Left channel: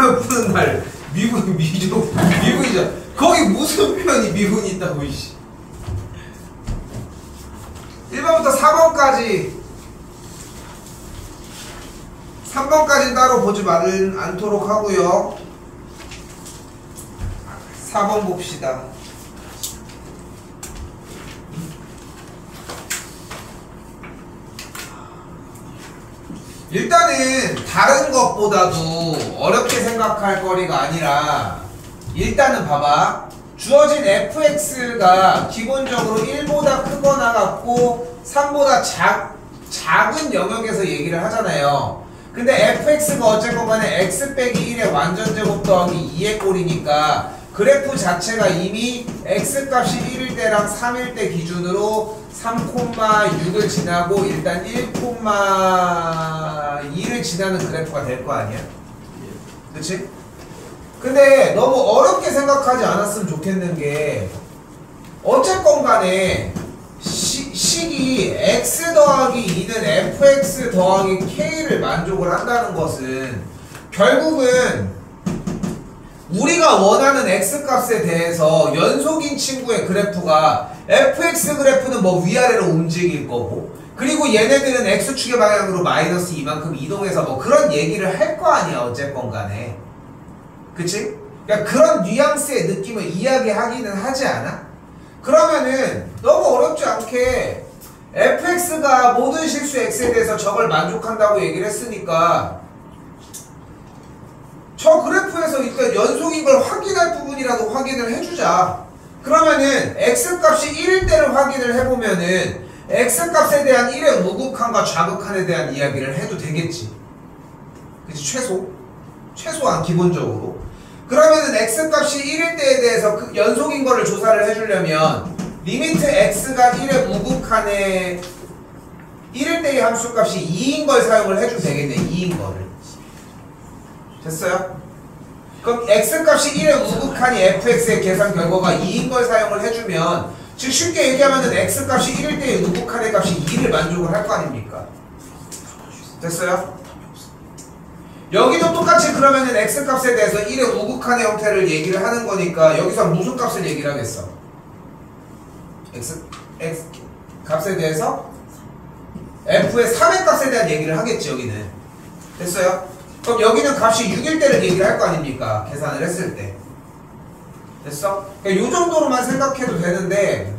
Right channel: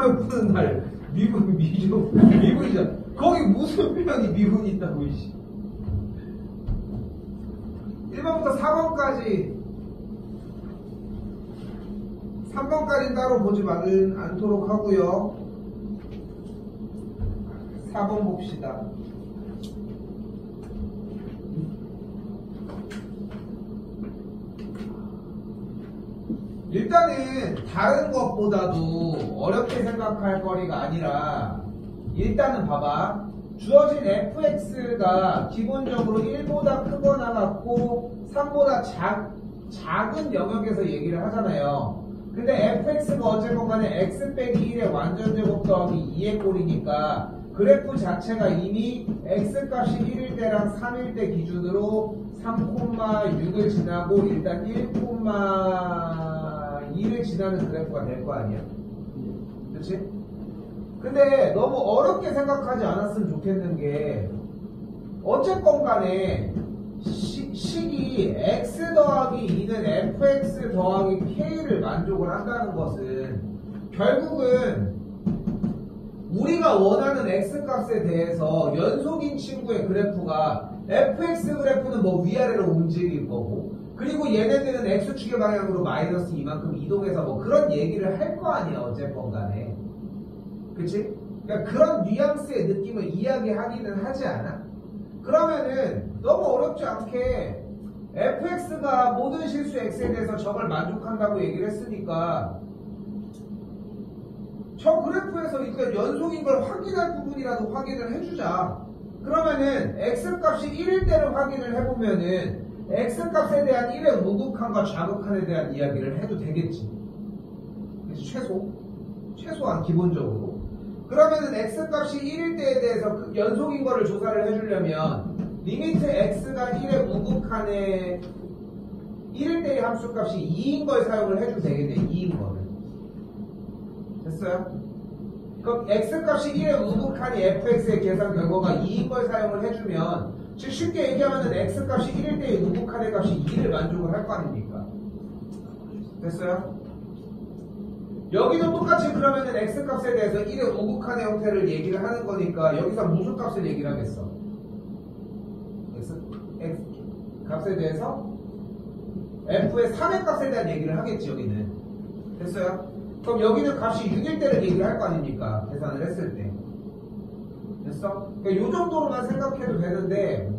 시험을 푸는 날 미분이죠. 거기 무슨 표현이 미분이 있다고 이씨. 1번부터 4번까지 3번까지는 따로 보지 않도록 하고요. 4번 봅시다. 일단은 다른 것보다도 어렵게 생각할 거리가 아니라 일단은 봐봐. 주어진 fx가 기본적으로 1보다 크거나 같고 3보다 작은 영역에서 얘기를 하잖아요. 근데 fx가 어쨌건 간에 x 빼기 1의 완전제곱 더하기 2의 꼴이니까 그래프 자체가 이미 x값이 1일 때랑 3일 때 기준으로 3,6을 지나고 일단 1,2를 지나는 그래프가 될 거 아니야? 그치? 근데 너무 어렵게 생각하지 않았으면 좋겠는 게 어쨌건 간에 식이 x 더하기 2는 fx 더하기 k를 만족을 한다는 것은 결국은 우리가 원하는 x값에 대해서 연속인 친구의 그래프가 fx 그래프는 뭐 위아래로 움직일 거고 그리고 얘네들은 x축의 방향으로 마이너스 이만큼 이동해서 뭐 그런 얘기를 할 거 아니야 어쨌건 간에. 그치? 그러니까 그런 뉘앙스의 느낌을 이야기하기는 하지 않아? 그러면은 너무 어렵지 않게 fx가 모든 실수 x에 대해서 저걸 만족한다고 얘기를 했으니까 저 그래프에서 일단 연속인 걸 확인할 부분이라도 확인을 해주자. 그러면은 x값이 1일 때를 확인을 해보면은 x값에 대한 1의 우극한과 좌극한에 대한 이야기를 해도 되겠지. 그치? 최소한 기본적으로. 그러면은 x값이 1일 때에 대해서 그 연속인 거를 조사를 해주려면 리미트 x가 1의 우극한에 1일 때의 함수값이 2인 걸 사용을 해주면 되겠네. 2인 거를. 됐어요? 그럼 x값이 1의 우극한이 fx의 계산 결과가 2인 걸 사용을 해주면 즉 쉽게 얘기하면은 x값이 1일 때의 우극한의 값이 2를 만족을 할 거 아닙니까? 됐어요? 여기도 똑같이 그러면은 x값에 대해서 1의 우극한의 형태를 얘기를 하는 거니까 여기서 무슨 값을 얘기를 하겠어? x 값에 대해서 f의 3의 값에 대한 얘기를 하겠지 여기는. 됐어요? 그럼 여기는 값이 6일 때를 얘기를 할 거 아닙니까? 계산을 했을 때. 됐어? 그러니까 요 정도로만 생각해도 되는데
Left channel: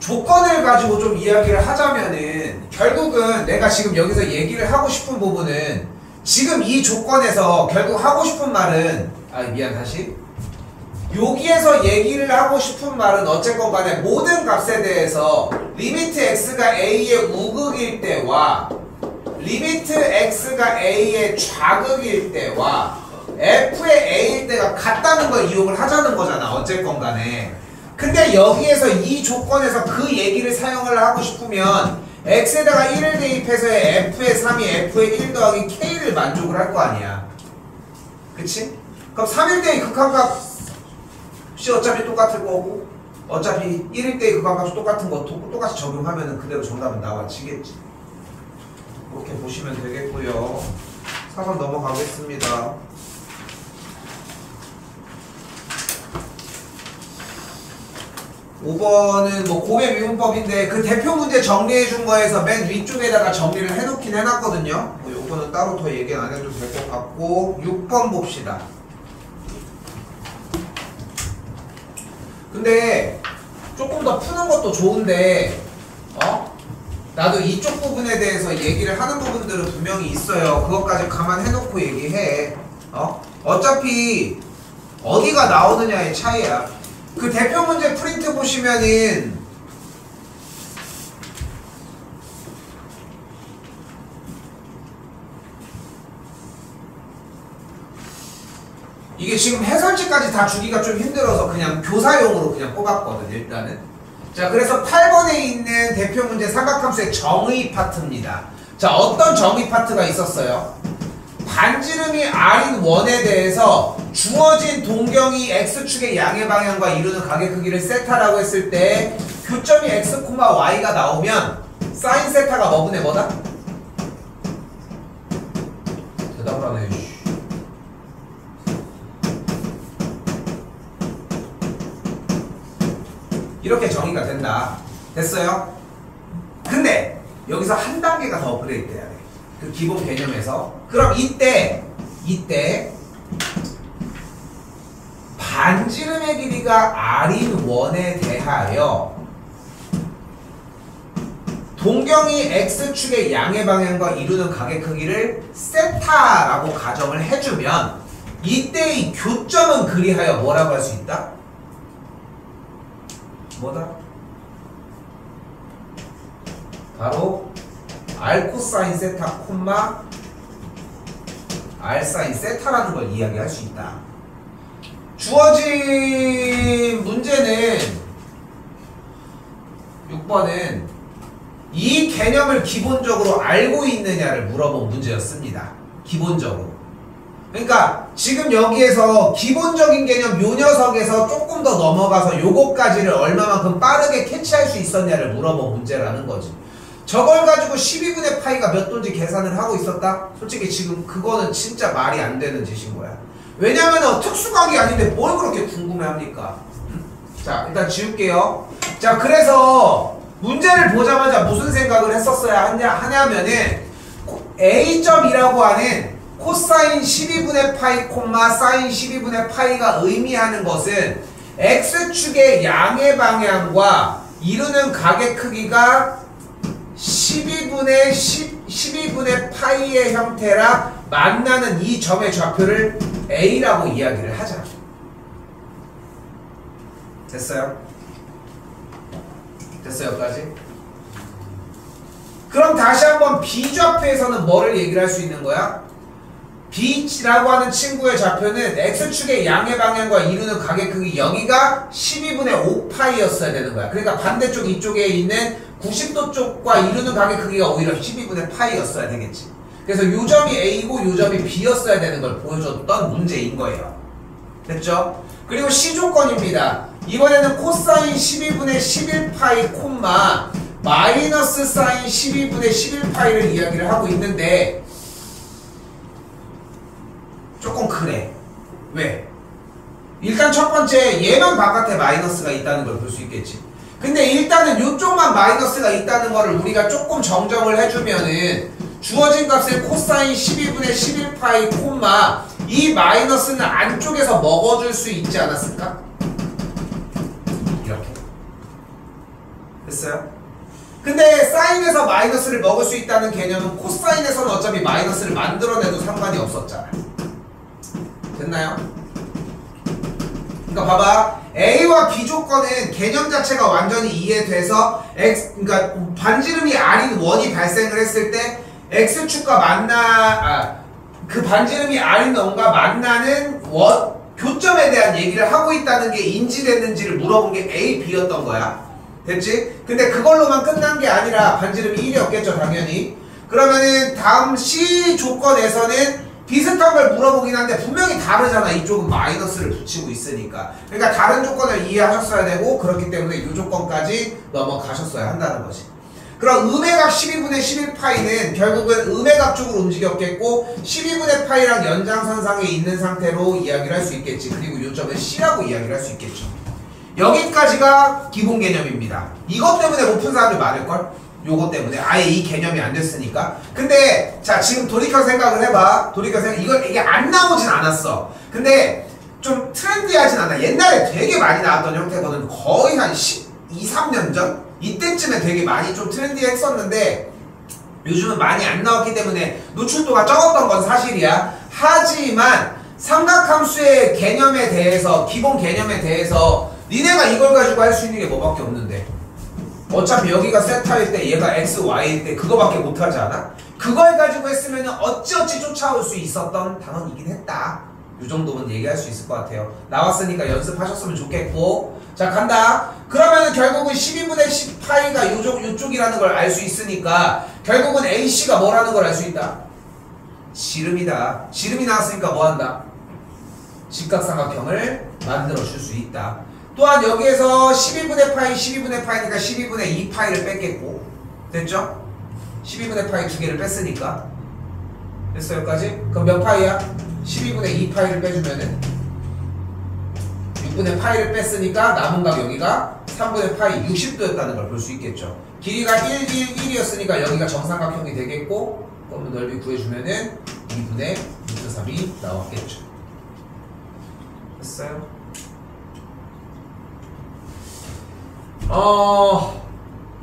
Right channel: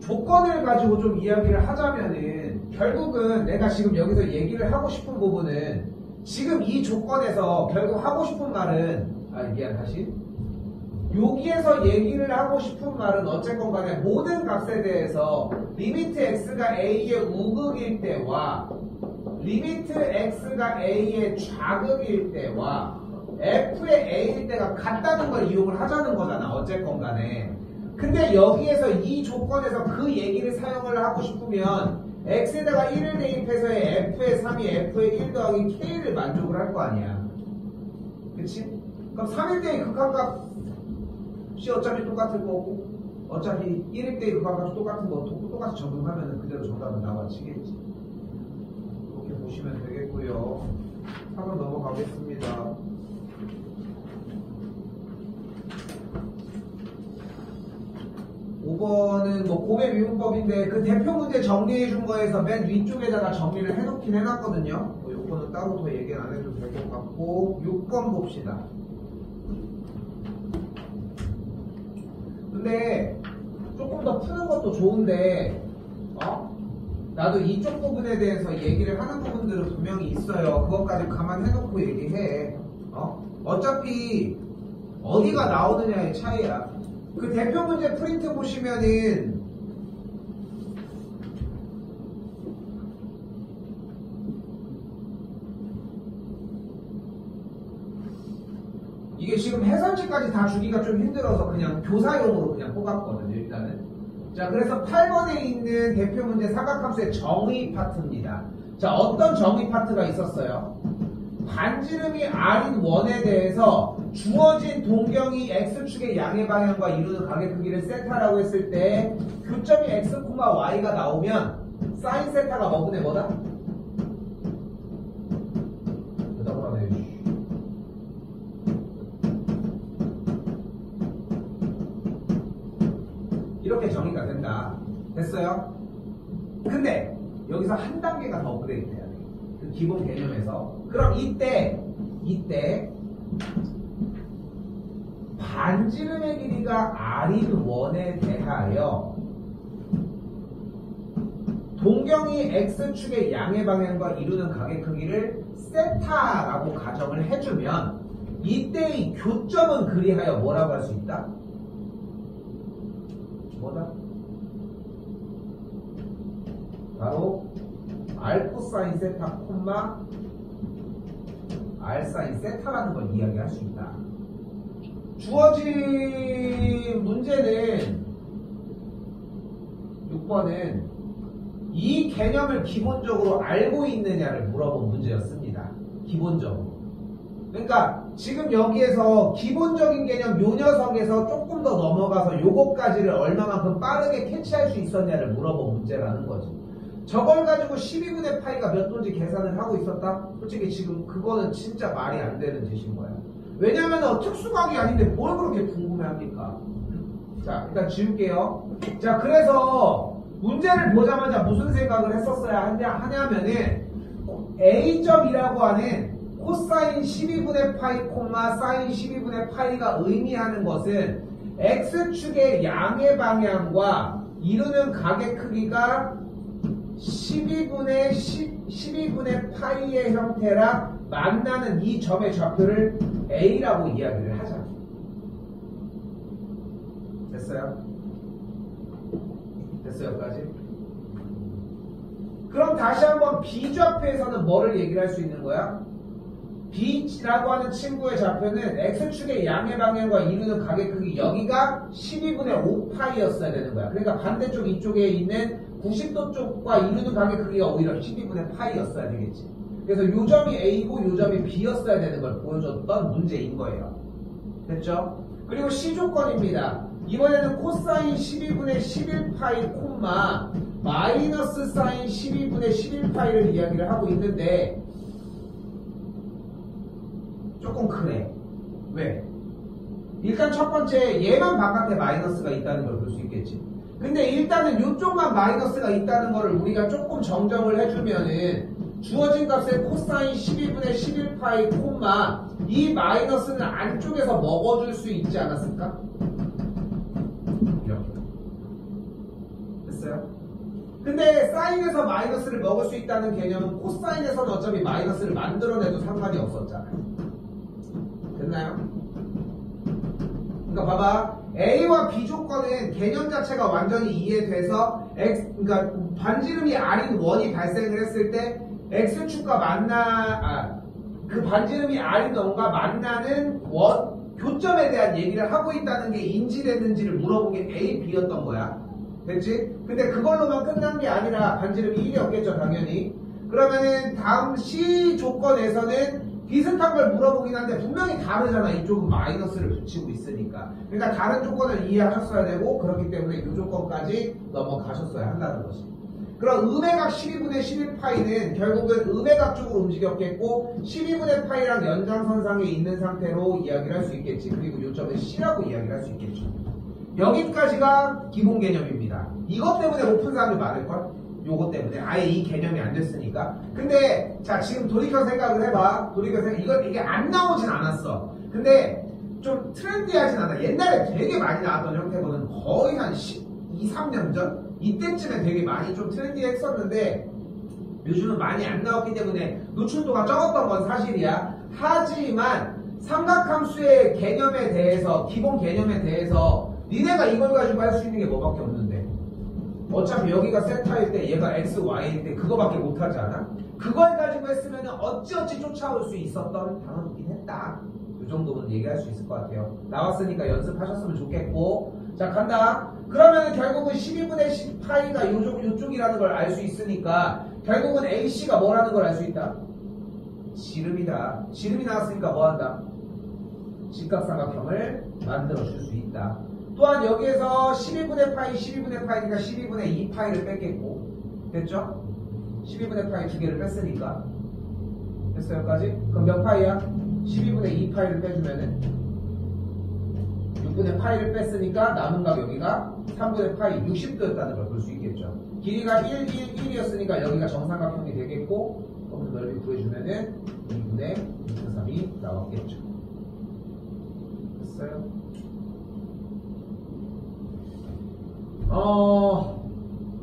조건을 가지고 좀 이야기를 하자면은 결국은 내가 지금 여기서 얘기를 하고 싶은 부분은 지금 이 조건에서 결국 하고 싶은 말은 다시 여기에서 얘기를 하고 싶은 말은 어쨌건 간에 모든 값에 대해서 리미트 x가 a의 우극일 때와 리미트 x가 a의 좌극일 때와 f의 a일 때가 같다는 걸 이용을 하자는 거잖아 어쨌건 간에. 근데 여기에서 이 조건에서 그 얘기를 사용을 하고 싶으면 x에다가 1을 대입해서 f의 3이 f의 1 더하기 k를 만족을 할 거 아니야. 그치? 그럼 3일 때의 극한값이 어차피 똑같을 거고 어차피 1일 때의 극한값이 똑같은 거 똑같이 적용하면 그대로 정답은 나와지겠지. 그렇게 보시면 되겠고요. 4번 넘어가겠습니다. 5번은 뭐 고배 미분법인데 그 대표 문제 정리해 준 거에서 맨 위쪽에다가 정리를 해놓긴 해놨거든요. 뭐 요거는 따로 더 얘기 안 해도 될 것 같고 6번 봅시다. 근데 조금 더 푸는 것도 좋은데 나도 이쪽 부분에 대해서 얘기를 하는 부분들은 분명히 있어요. 그것까지 감안해놓고 얘기해. 어차피 어디가 나오느냐의 차이야. 그 대표 문제 프린트 보시면은 이게 지금 해설지까지 다 주기가 좀 힘들어서 그냥 교사용으로 그냥 뽑았거든 일단은. 자, 그래서 8번에 있는 대표 문제 삼각함수의 정의 파트입니다. 자, 어떤 정의 파트가 있었어요? 반지름이 r인 원에 대해서 주어진 동경이 x축의 양의 방향과 이루는 각의 크기를 세타라고 했을 때 교점이 x, y가 나오면 사인 세타가 뭐분의 뭐다? 대답을 안 해. 이렇게 정의가 된다. 됐어요? 근데 여기서 한 단계가 더 업그레이드 돼야 돼. 그 기본 개념에서. 그럼 이때 반지름의 길이가 r인 원에 대하여 동경이 x축의 양의 방향과 이루는 각의 크기를 세타라고 가정을 해주면 이때의 교점은 그리하여 뭐라고 할 수 있다? 뭐다? 바로 r 코사인 세타 콤마 r 사인 세타라는 걸 이야기할 수 있다. 주어진 문제는 6번은 이 개념을 기본적으로 알고 있느냐를 물어본 문제였습니다. 기본적으로. 그러니까 지금 여기에서 기본적인 개념 요 녀석에서 조금 더 넘어가서 요거까지를 얼마만큼 빠르게 캐치할 수 있었냐를 물어본 문제라는 거지. 저걸 가지고 12분의 파이가 몇 도인지 계산을 하고 있었다? 솔직히 지금 그거는 진짜 말이 안 되는 짓인 거야. 왜냐면 특수각이 아닌데 뭘 그렇게 궁금해합니까? 자, 일단 지울게요. 자, 그래서 문제를 보자마자 무슨 생각을 했었어야 하냐면은 A점이라고 하는 코사인 12분의 파이 콤마 사인 12분의 파이가 의미하는 것은 X축의 양의 방향과 이루는 각의 크기가 12분의 파이의 형태라 만나는 이 점의 좌표를 A라고 이야기를 하자. 됐어요? 됐어요, 여기까지? 그럼 다시 한번 B좌표에서는 뭐를 얘기를 할 수 있는 거야? B라고 하는 친구의 좌표는 X축의 양의 방향과 이루는 각의 크기 여기가 12분의 5파이였어야 되는 거야. 그러니까 반대쪽 이쪽에 있는 90도 쪽과 이루는 각의 크기가 오히려 12분의 파이였어야 되겠지. 그래서 요 점이 A고 요 점이 B였어야 되는 걸 보여줬던 문제인 거예요. 됐죠? 그리고 C조건입니다. 이번에는 코사인 12분의 11파이 콤마 마이너스 사인 12분의 11파이를 이야기를 하고 있는데 조금 그래. 왜? 일단 첫 번째 얘만 바깥에 마이너스가 있다는 걸 볼 수 있겠지. 근데 일단은 이쪽만 마이너스가 있다는 거를 우리가 조금 정정을 해주면은 주어진 값의 코사인 12분의 11파이 콤마 이 마이너스는 안쪽에서 먹어줄 수 있지 않았을까? 이렇게. 됐어요? 근데 사인에서 마이너스를 먹을 수 있다는 개념은 코사인에서는 어차피 마이너스를 만들어내도 상관이 없었잖아. 됐나요? 그러니까 봐봐. A와 B 조건은 개념 자체가 완전히 이해돼서 그러니까 반지름이 R인 원이 발생을 했을 때 X축과 그 반지름이 R인 원과 만나는 교점에 대한 얘기를 하고 있다는 게 인지됐는지를 물어본 게 A, B였던 거야. 됐지? 근데 그걸로만 끝난 게 아니라 반지름이 1이었겠죠, 당연히. 그러면은 다음 C 조건에서는 비슷한 걸 물어보긴 한데 분명히 다르잖아. 이쪽은 마이너스를 붙이고 있으니까. 그러니까 다른 조건을 이해하셨어야 되고 그렇기 때문에 이 조건까지 넘어가셨어야 한다는 거지. 그럼 음의 각 12분의 11파이는 결국은 음의 각 쪽으로 움직였겠고 12분의 파이랑 연장선상에 있는 상태로 이야기를 할 수 있겠지. 그리고 이 점은 C라고 이야기를 할 수 있겠죠. 여기까지가 기본 개념입니다. 이것 때문에 못 푼 사람들 많을걸? 요거 때문에 아예 이 개념이 안 됐으니까. 근데 자 지금 돌이켜 생각을 해봐. 이게 안 나오진 않았어. 근데 좀 트렌디하진 않아. 옛날에 되게 많이 나왔던 형태거든. 거의 한 12, 3년 전? 이때쯤에 되게 많이 좀 트렌디했었는데 요즘은 많이 안 나왔기 때문에 노출도가 적었던 건 사실이야. 하지만 삼각함수의 개념에 대해서, 기본 개념에 대해서 니네가 이걸 가지고 할 수 있는 게 뭐밖에 없는데 어차피 여기가 세타일 때 얘가 x, y일 때 그거밖에 못하지 않아? 그걸 가지고 했으면 어찌어찌 쫓아올 수 있었던 단원이긴 했다. 이 정도는 얘기할 수 있을 것 같아요. 나왔으니까 연습하셨으면 좋겠고. 자 간다. 그러면 결국은 12분의 10파이가 요쪽이라는 걸 알 수 있으니까 결국은 AC가 뭐라는 걸 알 수 있다? 지름이다. 지름이 나왔으니까 뭐한다? 직각삼각형을 만들어 줄 수 있다. 또한 여기에서 12분의 파이 12분의 파이니까 12분의 2 파이를 뺐겠고 됐죠? 12분의 파이 두 개를 뺐으니까 됐어 여기까지? 그럼 몇 파이야? 12분의 2 파이를 빼주면은 6분의 파이를 뺐으니까 남은 각 여기가 3분의 파이 60도였다는 걸 볼 수 있겠죠. 길이가 1, 1이었으니까 여기가 정삼각형이 되겠고 그러면 넓이 구해주면은 2분의 루트 3이 나왔겠죠. 됐어요?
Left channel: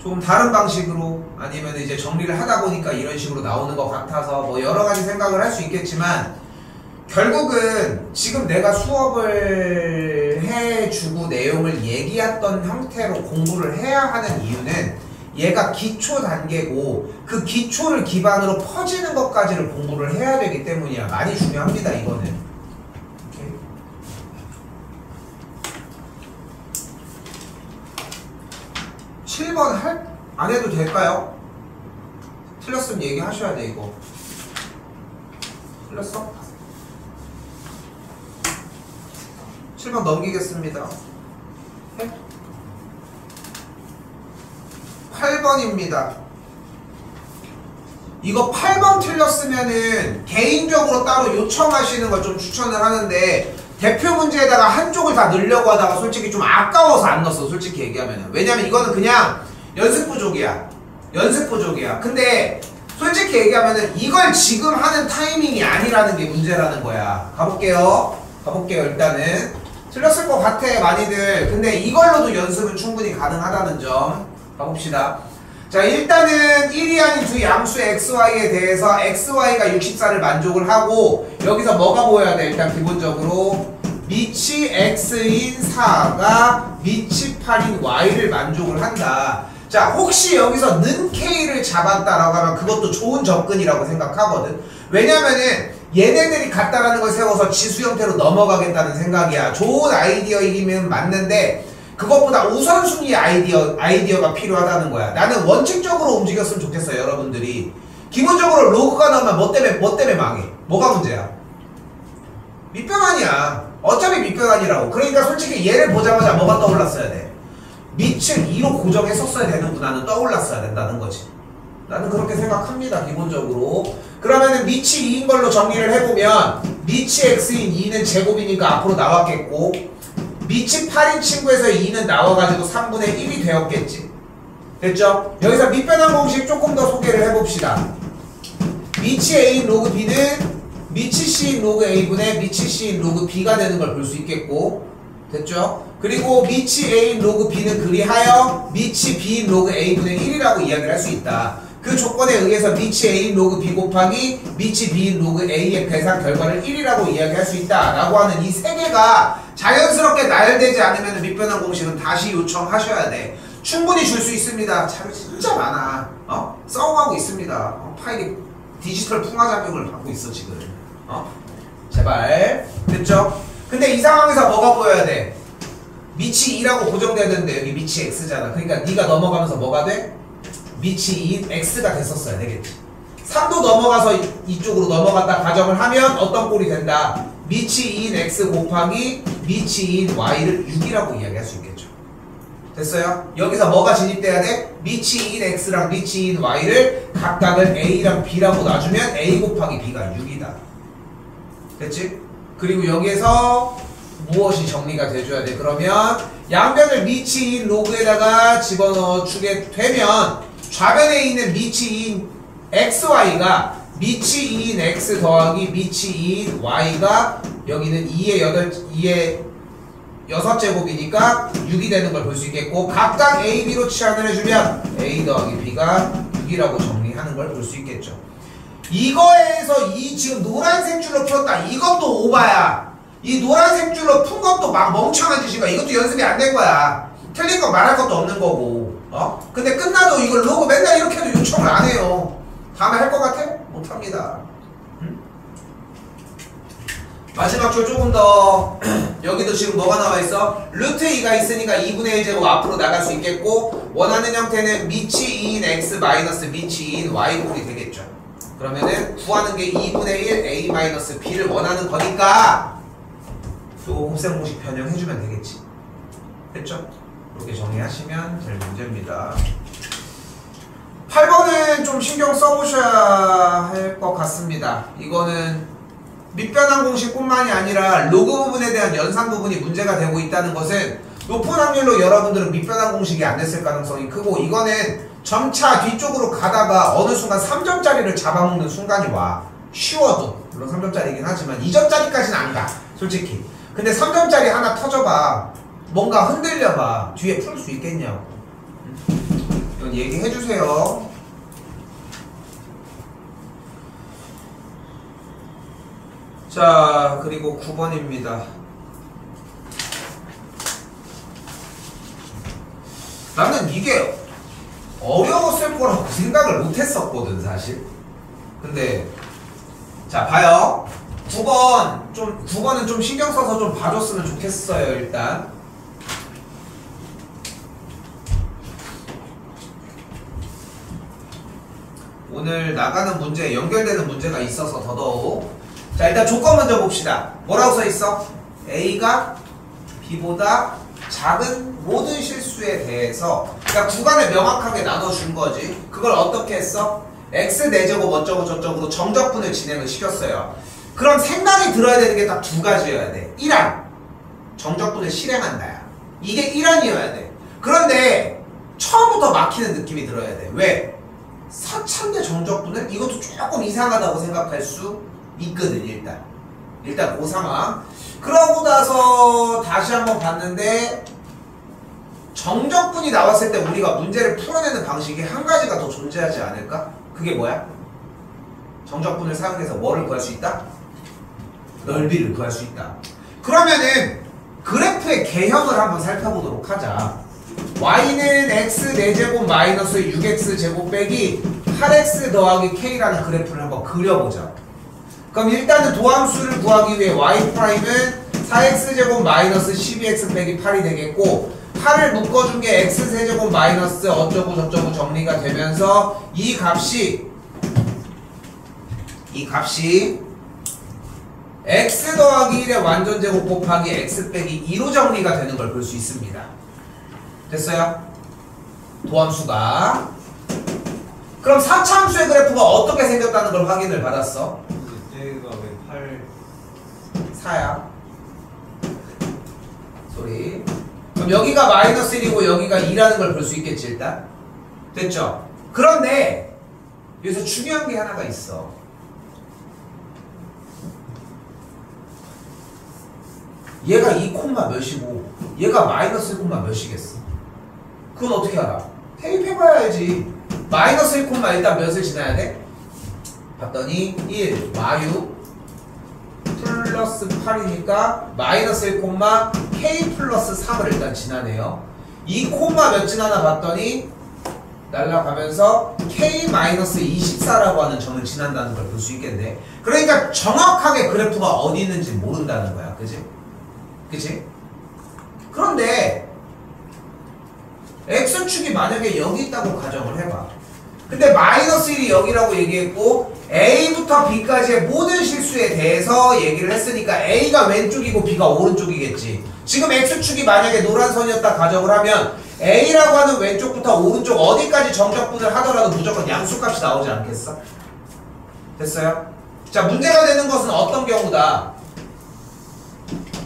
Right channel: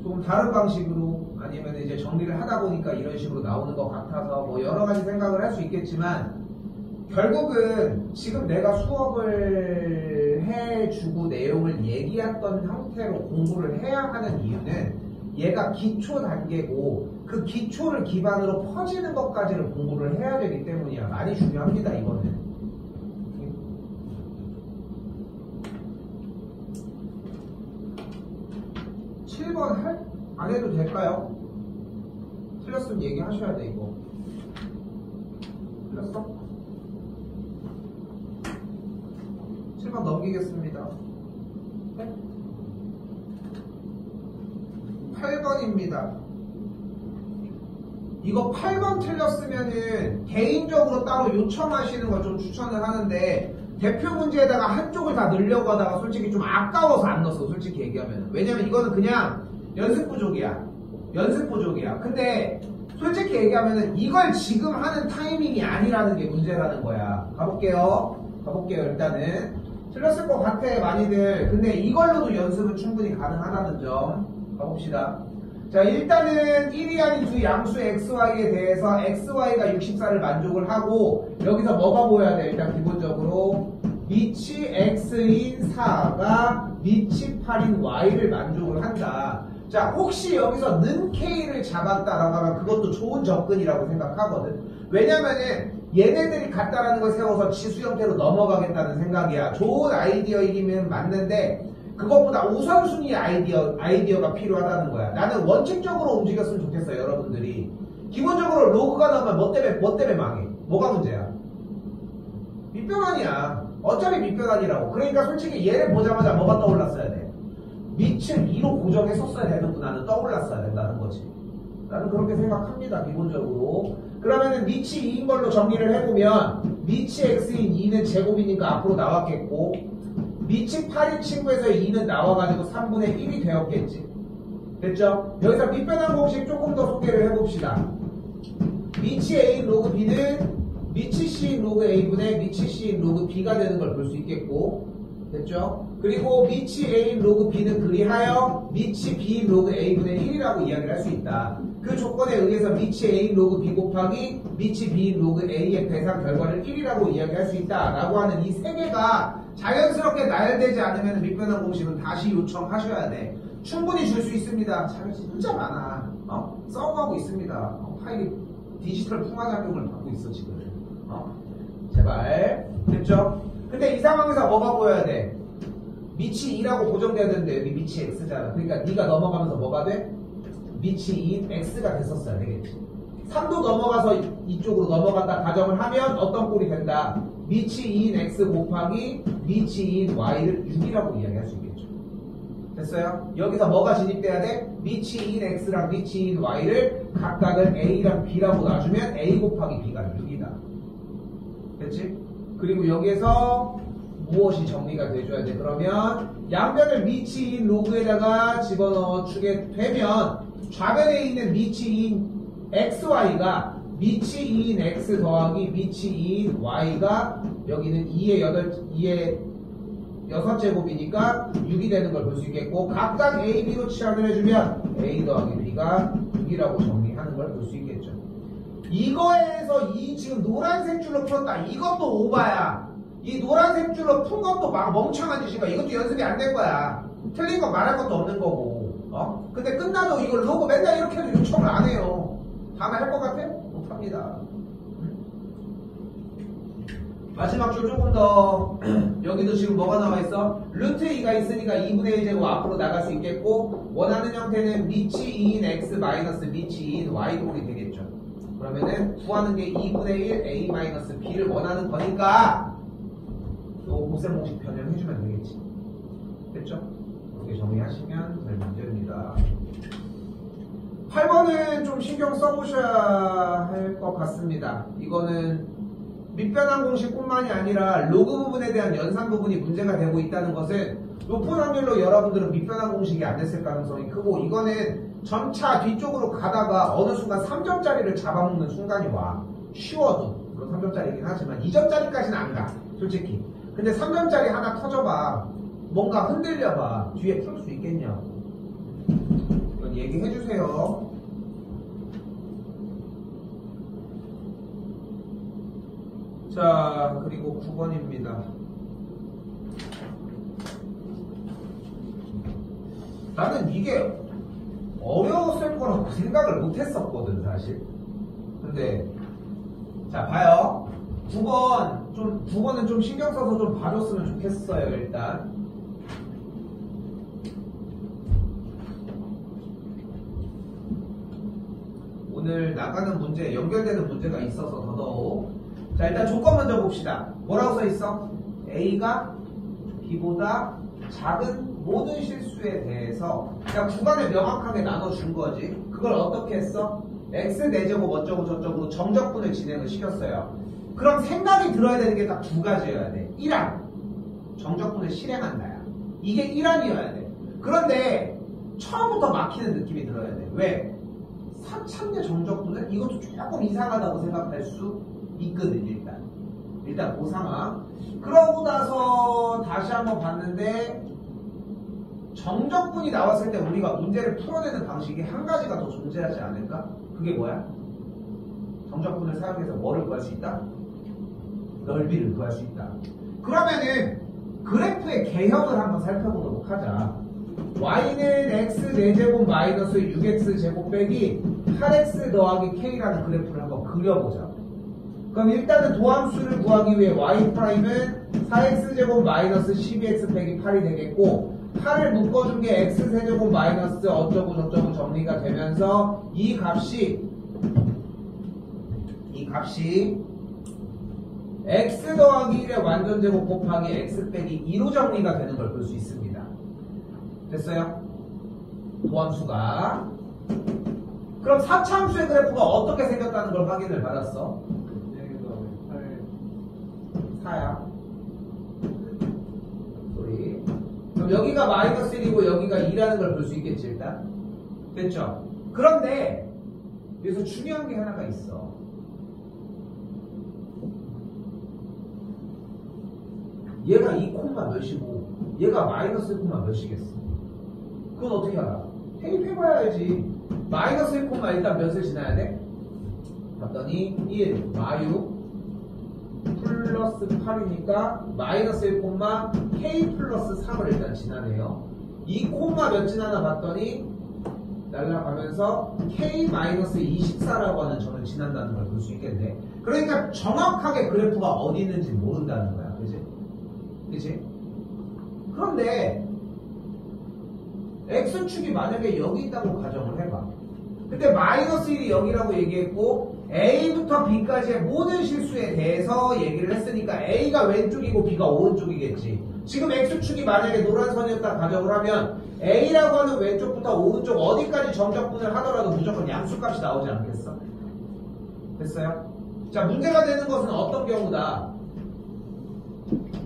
조금 다른 방식으로 아니면 이제 정리를 하다 보니까 이런 식으로 나오는 것 같아서 뭐 여러 가지 생각을 할 수 있겠지만 결국은 지금 내가 수업을 해주고 내용을 얘기했던 형태로 공부를 해야 하는 이유는 얘가 기초 단계고 그 기초를 기반으로 퍼지는 것까지를 공부를 해야 되기 때문이야. 많이 중요합니다 이거는. 7번 안 해도 될까요? 틀렸으면 얘기하셔야 돼 이거. 틀렸어? 7번 넘기겠습니다. 8번입니다. 이거 8번 틀렸으면은 개인적으로 따로 요청하시는 걸 좀 추천을 하는데 대표 문제에다가 한쪽을 다 넣으려고 하다가 솔직히 좀 아까워서 안 넣었어. 솔직히 얘기하면은. 왜냐면 이거는 그냥 연습 부족이야. 연습 부족이야. 근데 솔직히 얘기하면은 이걸 지금 하는 타이밍이 아니라는 게 문제라는 거야. 가볼게요. 일단은. 틀렸을 것 같아 많이들. 근데 이걸로도 연습은 충분히 가능하다는 점 가봅시다. 자 일단은 1이 아닌 두 양수 xy에 대해서 xy가 64를 만족을 하고 여기서 뭐가 보여야 돼? 일단 기본적으로 밑이 x인 4가 밑이 8인 y를 만족을 한다. 자 혹시 여기서 는 k를 잡았다라고 하면 그것도 좋은 접근이라고 생각하거든. 왜냐면은 얘네들이 같다라는 걸 세워서 지수 형태로 넘어가겠다는 생각이야. 좋은 아이디어이기는 맞는데 그것보다 우선순위 아이디어가 필요하다는 거야. 나는 원칙적으로 움직였으면 좋겠어요 여러분들이. 기본적으로 로그가 나오면 뭐 때문에 망해? 뭐가 문제야? 밑변환이야. 어차피 밑변환이라고. 그러니까 솔직히 얘를 보자마자 뭐가 떠올랐어야 돼? 밑을 2로 고정했었어야 되는구나는 떠올랐어야 된다는 거지. 나는 그렇게 생각합니다 기본적으로. 그러면은 밑이 2인 걸로 정리를 해보면 밑이 x인 2는 제곱이니까 앞으로 나왔겠고 밑이 8인 친구에서 2는 나와가지고 3분의 1이 되었겠지. 됐죠? 여기서 밑변환 공식 조금 더 소개를 해봅시다. 밑이 a인 로그 b는 밑이 c인 로그 a분의 밑이 c인 로그 b가 되는 걸 볼 수 있겠고 됐죠? 그리고 밑이 a인 로그 b는 그리하여 밑이 b인 로그 a분의 1이라고 이야기를 할 수 있다. 그 조건에 의해서 밑이 a인 로그 b 곱하기 밑이 b인 로그 a의 계산 결과를 1이라고 이야기할 수 있다 라고 하는 이 세 개가 자연스럽게 나열되지 않으면 밑변환 공식은 다시 요청하셔야 돼. 충분히 줄 수 있습니다. 자료 진짜 많아. 싸움하고 있습니다. 파일이 디지털 풍화작용을 받고 있어 지금. 제발. 됐죠? 근데 이 상황에서 뭐가 보여야 돼? 밑이 2라고 고정돼야 되는데 여기 밑이 x잖아. 그러니까 네가 넘어가면서 뭐가 돼? 밑이 2인 x가 됐었어야 되겠지. 3도 넘어가서 이쪽으로 넘어갔다 가정을 하면 어떤 꼴이 된다? 밑이 2인 x 곱하기 밑이 2인 y를 6이라고 이야기할 수 있겠죠. 됐어요? 여기서 뭐가 진입돼야 돼? 밑이 2인 x랑 밑이 2인 y를 각각을 a랑 b라고 놔주면 a 곱하기 b가 6이다. 됐지? 그리고 여기에서 무엇이 정리가 돼줘야 돼? 그러면 양변을 밑이 2인 로그에다가 집어넣어 주게 되면 좌변에 있는 밑이 2인 xy가 밑이 2인 x 더하기 밑이 2인 y가 여기는 2의 6제곱이니까 6이 되는 걸 볼 수 있겠고 각각 a, b로 치환을 해주면 a 더하기 b가 6이라고 정리하는 걸 볼 수 있겠죠. 이거에서 이 지금 노란색 줄로 풀었다. 이것도 오바야. 이 노란색 줄로 푼 것도 막 멍청한 짓이가. 이것도 연습이 안 된 거야. 틀린 거 말할 것도 없는 거고. 근데 끝나도 이걸 로고 맨날 이렇게 해도 요청을 안 해요. 다음에 할 것 같아? 못합니다. 마지막 줄 조금 더. 여기도 지금 뭐가 나와 있어? 루트 2가 있으니까 2분의 1제곱 앞으로 나갈 수 있겠고 원하는 형태는 밑이 2인 x 마이너스 밑이 2인 y 꼴이 되겠죠. 그러면은 구하는 게 2분의 1 a 마이너스 b를 원하는 거니까 또 곱셈 공식 변형해주면 되겠지. 됐죠? 이렇게 정리하시면 될 문제입니다. 8번은 좀 신경 써보셔야 할 것 같습니다. 이거는 밑변환 공식뿐만이 아니라 로그 부분에 대한 연산 부분이 문제가 되고 있다는 것은 높은 확률로 여러분들은 밑변환 공식이 안 됐을 가능성이 크고, 이거는 점차 뒤쪽으로 가다가 어느 순간 3점짜리를 잡아먹는 순간이 와. 쉬워도 물론 3점짜리긴 하지만 2점짜리까지는 안 가 솔직히. 근데 3점짜리 하나 터져봐, 뭔가 흔들려봐, 뒤에 풀 수 있겠냐고. 이건 얘기해주세요. 자, 그리고 9번입니다. 나는 이게 어려웠을 거라고 생각을 못했었거든 사실. 근데 자 봐요. 9번은 좀 신경 써서 좀 봐줬으면 좋겠어요. 일단 오늘 나가는 문제 연결되는 문제가 있어서 더더욱. 자, 일단 조건 먼저 봅시다. 뭐라고 써있어? A가 B보다 작은 모든 실수에 대해서, 그러니까 구간을 명확하게 나눠준 거지. 그걸 어떻게 했어? X 4제곱 어쩌고 저쩌고로 정적분을 진행을 시켰어요. 그럼 생각이 들어야 되는 게 딱 두 가지여야 돼. 1항 정적분을 실행한다야. 이게 1항이어야 돼. 그런데 처음부터 막히는 느낌이 들어야 돼. 왜? 사차인데 정적분을? 이것도 조금 이상하다고 생각할 수 있거든. 일단 그 상황. 그러고 나서 다시 한번 봤는데 정적분이 나왔을 때 우리가 문제를 풀어내는 방식이 한 가지가 더 존재하지 않을까? 그게 뭐야? 정적분을 사용해서 뭐를 구할 수 있다? 넓이를 구할 수 있다. 그러면은 그래프의 개형을 한번 살펴보도록 하자. y는 x 4제곱 마이너스 6x 제곱 빼기 8x 더하기 k라는 그래프를 한번 그려보자. 그럼 일단은 도함수를 구하기 위해 y''은 4x제곱 마이너스 12x 빼기 8이 되겠고, 8을 묶어준 게 x세제곱 마이너스 어쩌고 저쩌고 정리가 되면서 이 값이 x 더하기 1의 완전제곱 곱하기 x 빼기 2로 정리가 되는 걸 볼 수 있습니다. 됐어요? 도함수가. 그럼 사차함수의 그래프가 어떻게 생겼다는 걸 확인을 받았어. 4야. 소리. 그럼 여기가 마이너스 1이고 여기가 2라는 걸 볼 수 있겠지 일단. 됐죠? 그런데 여기서 중요한 게 하나가 있어. 얘가 2 몇이고 얘가 마이너스 1 몇이겠어. 그건 어떻게 알아? 대입해봐야 알지. 마이너스 1 일단 몇을 지나야 돼? 봤더니 1 마유 플러스 8이니까 마이너스 1, k 플러스 3을 일단 지나네요. 2 몇 지나나 봤더니 날라가면서 k 마이너스 24라고 하는 점을 지난다는 걸 볼 수 있겠네. 그러니까 정확하게 그래프가 어디 있는지 모른다는 거야. 그치? 그런데 x축이 만약에 여기 있다고 가정을 해봐. 근데 마이너스 1이 여기라고 얘기했고 A부터 B까지의 모든 실수에 대해서 얘기를 했으니까 A가 왼쪽이고 B가 오른쪽이겠지. 지금 X축이 만약에 노란 선이었다 가정을 하면 A라고 하는 왼쪽부터 오른쪽 어디까지 정적분을 하더라도 무조건 양수값이 나오지 않겠어? 됐어요? 자, 문제가 되는 것은 어떤 경우다.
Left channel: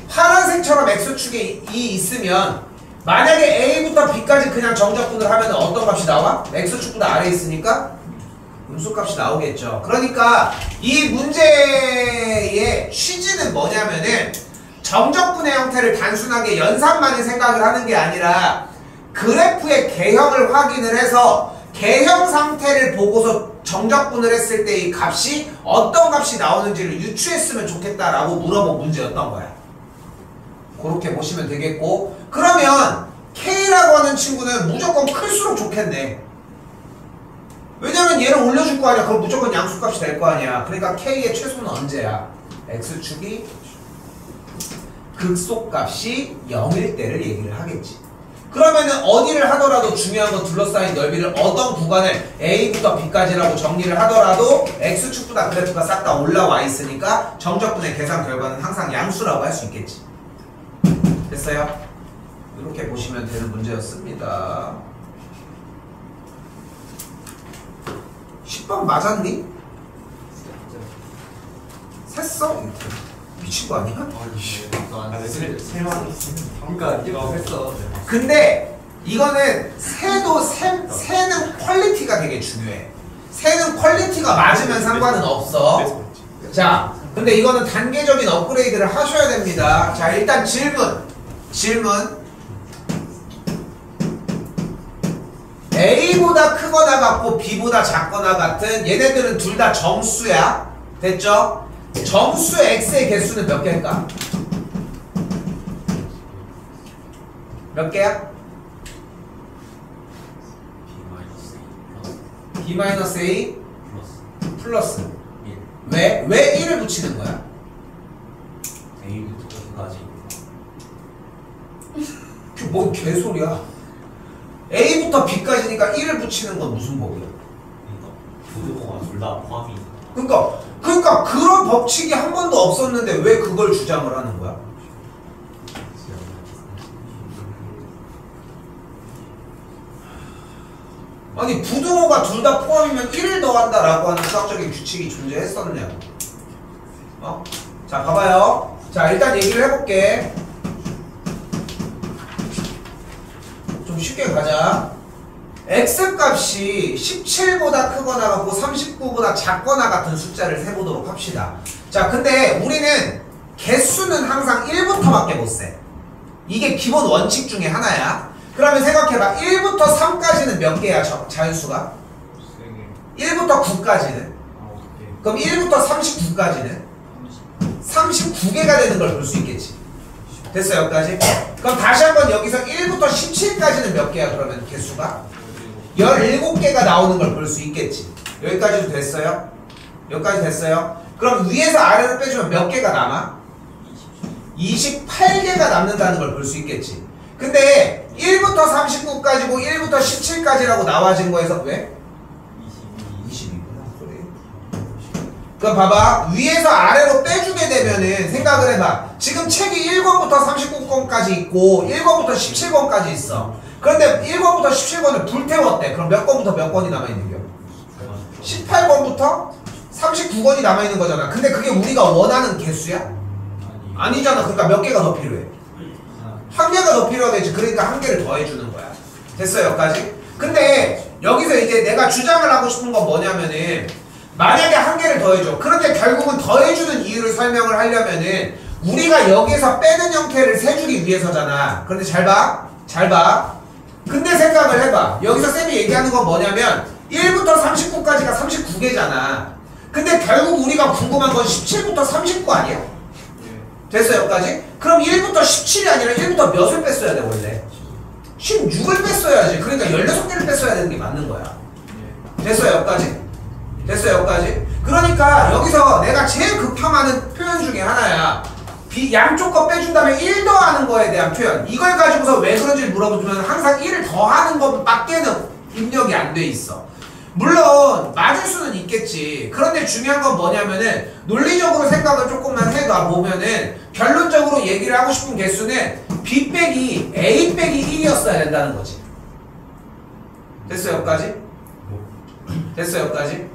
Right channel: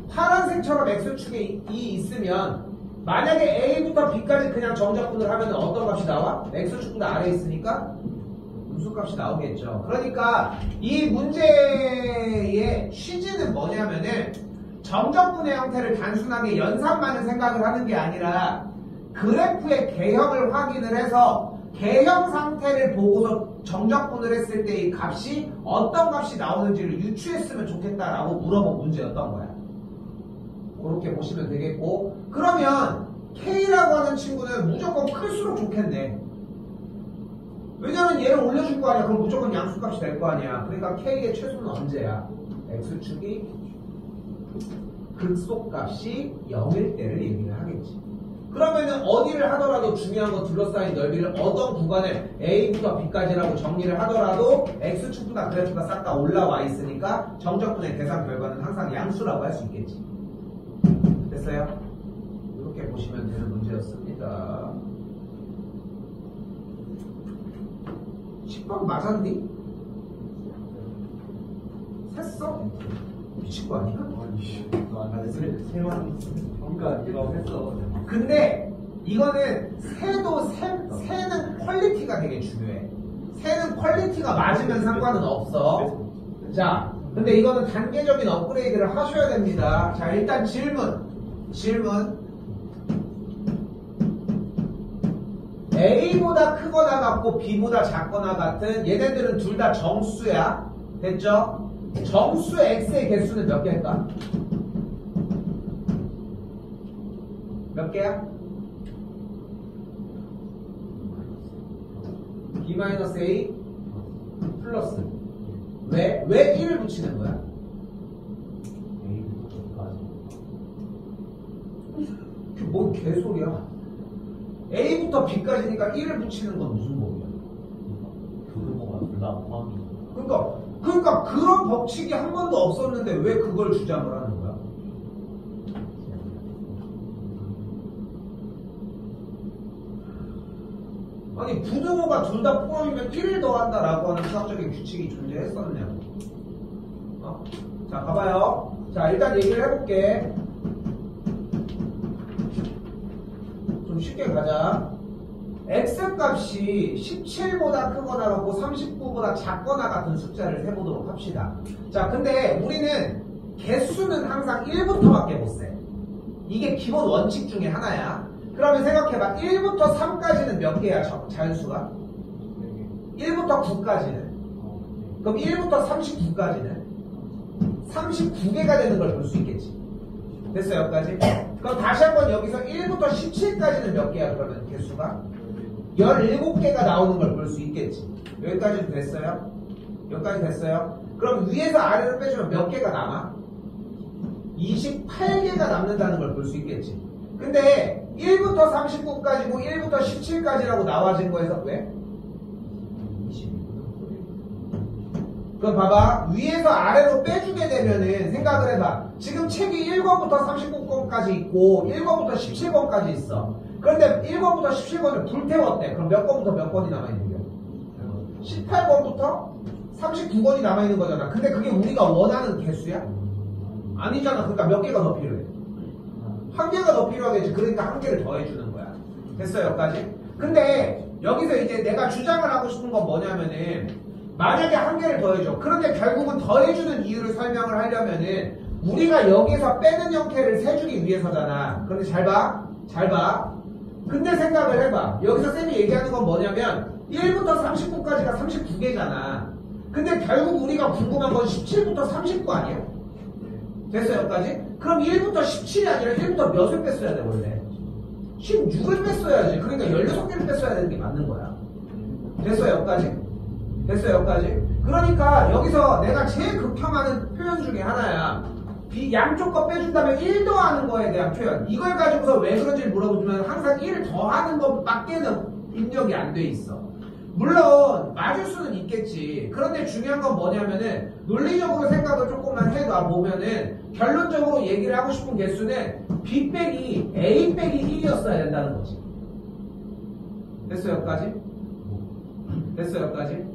파란색처럼 X축에 2 있으면 만약에 A부터 B까지 그냥 정적분을 하면 어떤 값이 나와? X축보다 아래에 있으니까 음수값이 나오겠죠. 그러니까 이 문제의 취지는 뭐냐면은 정적분의 형태를 단순하게 연산만을 생각을 하는 게 아니라 그래프의 개형을 확인을 해서 개형 상태를 보고서 정적분을 했을 때 이 값이 어떤 값이 나오는지를 유추했으면 좋겠다라고 물어본 문제였던 거야. 그렇게 보시면 되겠고, 그러면 K라고 하는 친구는 무조건 클수록 좋겠네. 왜냐면 얘를 올려줄 거 아니야. 그럼 무조건 양수값이 될 거 아니야. 그러니까 K의 최소는 언제야? X축이 극소값이 0일 때를 얘기를 하겠지. 그러면은 어디를 하더라도 중요한 건 둘러싸인 넓이를 어떤 구간을 A부터 B까지라고 정리를 하더라도 X축보다 그래프가 싹 다 올라와 있으니까 정적분의 계산 결과는 항상 양수라고 할 수 있겠지. 됐어요? 이렇게 보시면 되는 문제였습니다. 10번 맞았니? 샜어? 미친 거 아니야? 그러니까 이거 했어. 근데 이거는 새는 퀄리티가 되게 중요해. 새는 퀄리티가 맞으면 상관은 없어. 자, 근데 이거는 단계적인 업그레이드를 하셔야 됩니다. 자, 일단 질문. A보다 크거나 같고 B보다 작거나 같은 얘네들은 둘 다 정수야. 됐죠? 정수 X의 개수는 몇 개일까? 몇 개야? B-A 플러스 왜 1을 붙이는 거야? A부터 B까지. 그게 뭔 개소리야. A부터 B까지니까 1을 붙이는 건 무슨 법이야? 부등호가 둘 다 포함이. 그러니까 그런 법칙이 한 번도 없었는데 왜 그걸 주장을 하는 거야? 아니 부등호가 둘 다 포함이면 1을 더한다라고 하는 수학적인 규칙이 존재했었냐고. 자 봐봐요. 자 일단 얘기를 해볼게. 좀 쉽게 가자. X값이 17보다 크거나 같고 39보다 작거나 같은 숫자를 세보도록 합시다. 자 근데 우리는 개수는 항상 1부터밖에 못 세. 이게 기본 원칙 중에 하나야. 그러면 생각해봐. 1부터 3까지는 몇 개야 자연수가? 1부터 9까지는? 그럼 1부터 39까지는? 39개가 되는 걸 볼 수 있겠지. 됐어 여기까지? 그럼 다시 한번 여기서 1부터 17까지는 몇 개야 그러면 개수가? 17개가 나오는 걸 볼 수 있겠지. 여기까지도 됐어요? 여기까지 됐어요? 그럼 위에서 아래로 빼주면 몇 개가 남아? 28개가 남는다는 걸 볼 수 있겠지. 근데 1부터 39까지고 1부터 17까지라고 나와진 거에서 왜? 22구나. 그래. 그럼 봐봐. 위에서 아래로 빼주게 되면은 생각을 해봐. 지금 책이 1권부터 39권까지 있고 1권부터 17권까지 있어. 그런데 1권부터 17권을 불태웠대. 그럼 몇 권부터 몇 권이 남아있는겨? 18권부터 39권이 남아있는 거잖아. 근데 그게 우리가 원하는 개수야? 아니잖아. 그러니까 몇 개가 더 필요해? 한 개가 더 필요하겠지. 그러니까 한 개를 더해주는 거야. 됐어요 여기까지? 근데 여기서 이제 내가 주장을 하고 싶은 건 뭐냐면은 만약에 한 개를 더해줘. 그런데 결국은 더해주는 이유를 설명을 하려면은 우리가 여기서 빼는 형태를 세주기 위해서잖아. 그런데 잘 봐. 근데 생각을 해봐. 여기서 쌤이 얘기하는 건 뭐냐면 1부터 39까지가 39개잖아. 근데 결국 우리가 궁금한 건 17부터 39 아니야? 됐어요 여기까지? 그럼 1부터 17이 아니라 1부터 몇을 뺐어야 돼 원래? 16을 뺐어야지. 그러니까 16개를 뺐어야 되는 게 맞는 거야. 됐어요 여기까지? 됐어요 여기까지? 그러니까 여기서 내가 제일 극혐하는 표현 중에 하나야. 양쪽 거 빼준 다음에 1 더하는 거에 대한 표현. 이걸 가지고서 왜 그런지 물어보면 항상 1을 더하는 것밖에는 입력이 안 돼 있어. 물론 맞을 수는 있겠지. 그런데 중요한 건 뭐냐면은 논리적으로 생각을 조금만 해봐 보면은 결론적으로 얘기를 하고 싶은 개수는 B 빼기 A 빼기 1이었어야 된다는 거지. 됐어요 여기까지? 됐어요 여기까지?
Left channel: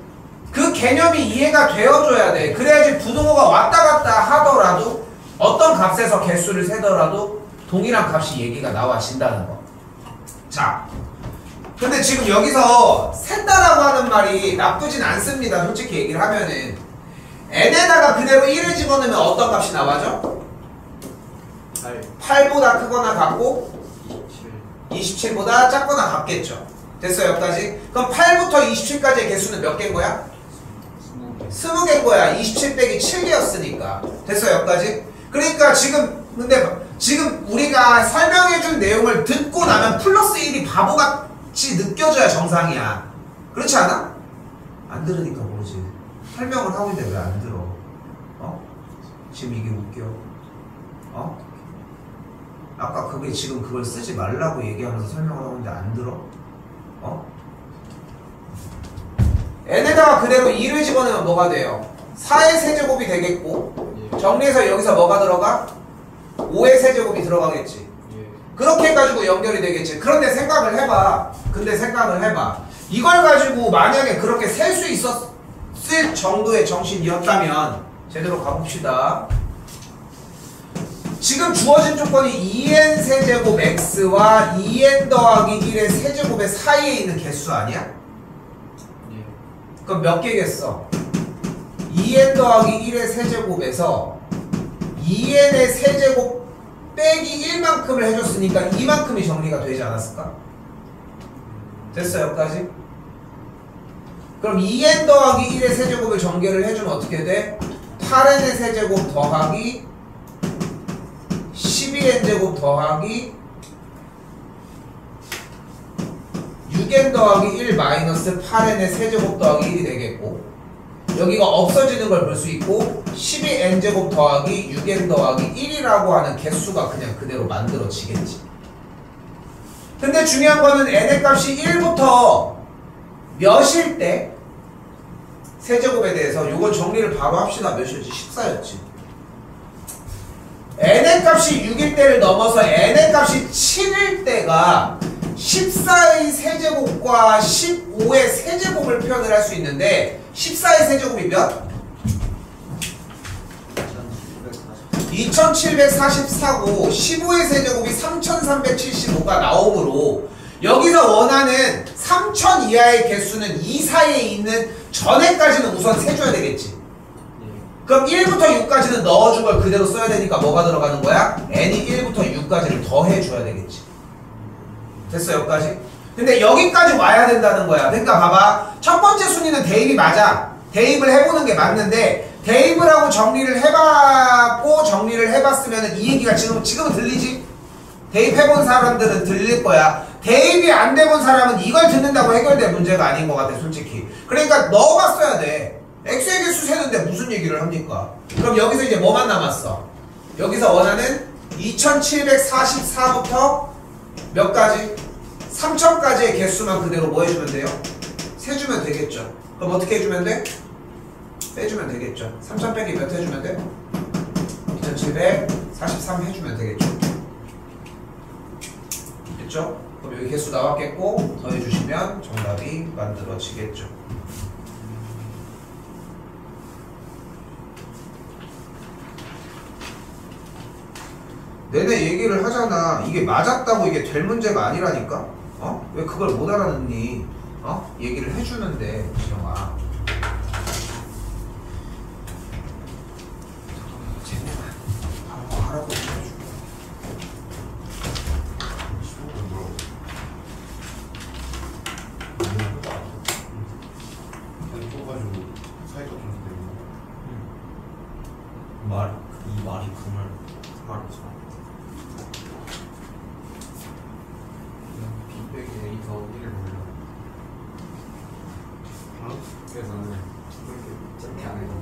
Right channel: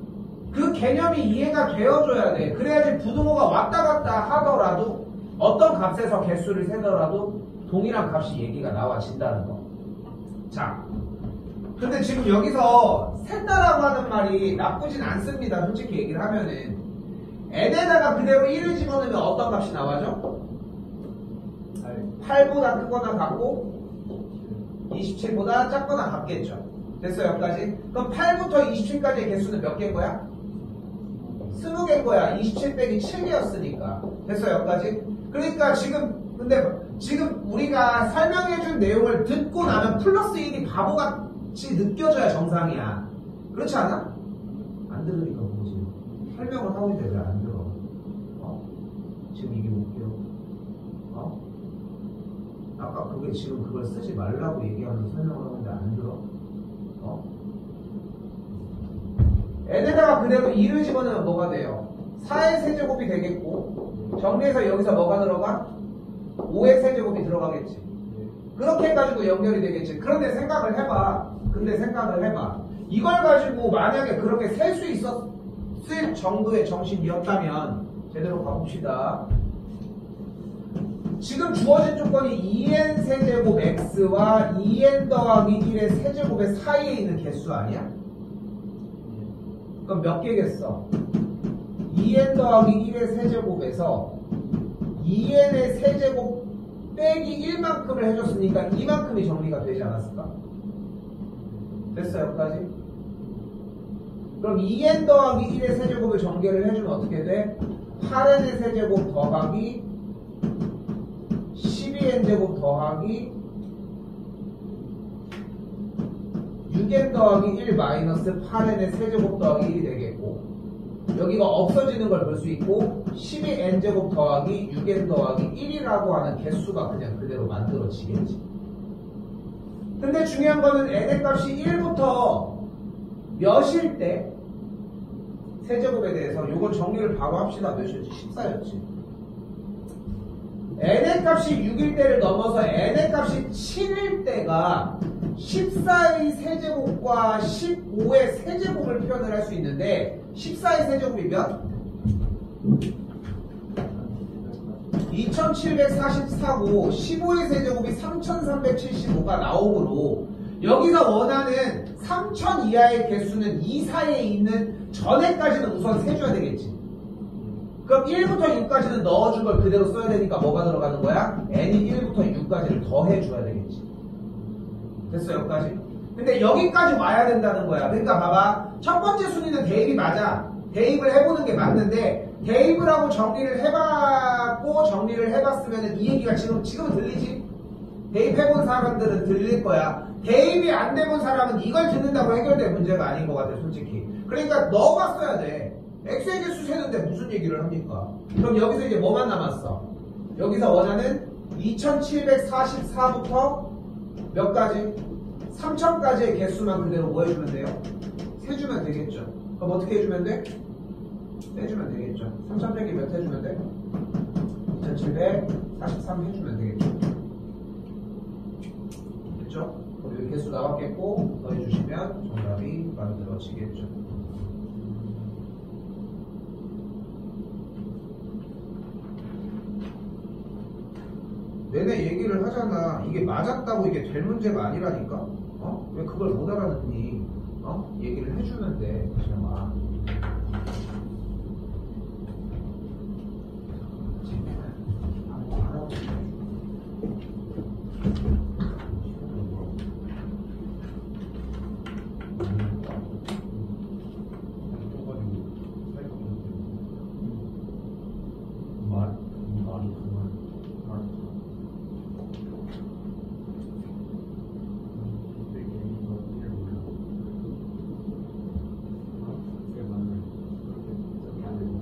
그 개념이 이해가 되어줘야 돼. 그래야지 부등호가 왔다 갔다 하더라도 어떤 값에서 개수를 세더라도 동일한 값이 얘기가 나와진다는 거. 자, 근데 지금 여기서 셋다라고 하는 말이 나쁘진 않습니다. 솔직히 얘기를 하면은 n에다가 그대로 1을 집어넣으면 어떤 값이 나와죠? 8보다 크거나 같고 27보다 작거나 같겠죠. 됐어요 여기까지? 그럼 8부터 27까지의 개수는 몇 개인 거야? 20개인 거야. 27 빼기 7개였으니까. 됐어요 여기까지? 그러니까 지금 우리가 설명해준 내용을 듣고 나면 플러스 1이 바보같이 느껴져야 정상이야. 그렇지 않아? 안 들으니까 모르지. 설명을 하고 있는데 왜 안 들어? 지금 이게 웃겨. 아까 지금 그걸 쓰지 말라고 얘기하면서 설명을 하고 있는데 안 들어? n에다가 그대로 2를 집어넣으면 뭐가 돼요? 4의 세제곱이 되겠고 정리해서 여기서 뭐가 들어가? 5의 세제곱이 들어가겠지. 그렇게 해가지고 연결이 되겠지. 그런데 생각을 해봐. 이걸 가지고 만약에 그렇게 셀 수 있었을 정도의 정신이었다면 제대로 가봅시다. 지금 주어진 조건이 2n 세제곱 x와 2n 더하기 1의 세제곱의 사이에 있는 개수 아니야? 그럼 몇 개겠어? 2n 더하기 1의 세제곱에서 2n의 세제곱 빼기 1만큼을 해줬으니까 이만큼이 정리가 되지 않았을까? 됐어 여기까지? 그럼 2n 더하기 1의 세제곱을 전개를 해주면 어떻게 돼? 8n의 세제곱 더하기 12n제곱 더하기 6n 더하기 1 마이너스 8n의 세제곱 더하기 1이 되겠고 여기가 없어지는 걸 볼 수 있고 12n제곱 더하기 6n 더하기 1이라고 하는 개수가 그냥 그대로 만들어지겠지. 근데 중요한 거는 n의 값이 1부터 몇일 때 세제곱에 대해서 요걸 정리를 바로 합시다. 몇이었지? 14였지. n의 값이 6일 때를 넘어서 n의 값이 7일 때가 14의 세제곱과 15의 세제곱을 표현을 할 수 있는데 14의 세제곱이 몇? 2744고 15의 세제곱이 3375가 나오므로 여기서 원하는 3000 이하의 개수는 이 사이에 있는 전에까지는 우선 세줘야 되겠지. 그럼 1부터 6까지는 넣어준 걸 그대로 써야 되니까 뭐가 들어가는 거야? n이 1부터 6까지를 더해줘야 되겠지. 됐어 여기까지? 근데 여기까지 와야 된다는 거야. 그러니까 봐봐. 첫 번째 순위는 대입이 맞아. 대입을 해보는 게 맞는데 대입을 하고 정리를 해봤고 정리를 해봤으면 이 얘기가 지금은 들리지? 대입해본 사람들은 들릴 거야. 대입이 안 돼본 사람은 이걸 듣는다고 해결될 문제가 아닌 것 같아 솔직히. 그러니까 넣어봤어야 돼. x의 개수 세는데 무슨 얘기를 합니까? 그럼 여기서 이제 뭐만 남았어? 여기서 원하는 2744부터 몇 가지? 3000까지의 개수만 그대로 뭐 해주면 돼요? 세주면 되겠죠. 그럼 어떻게 해주면 돼? 빼주면 되겠죠. 3000 빼기 몇 해주면 돼? 2743 해주면 되겠죠. 됐죠? 그럼 여기 개수 나왔겠고 더해주시면 정답이 만들어지겠죠. 내내 얘기를 하잖아. 이게 맞았다고 이게 될 문제가 아니라니까. 어? 왜 그걸 못 알아듣니? 어? 얘기를 해주는데 지영아. 잠깐만. 하라고 해주고. 이 말이 그말 말이죠. 그래서 저렇게 안 해도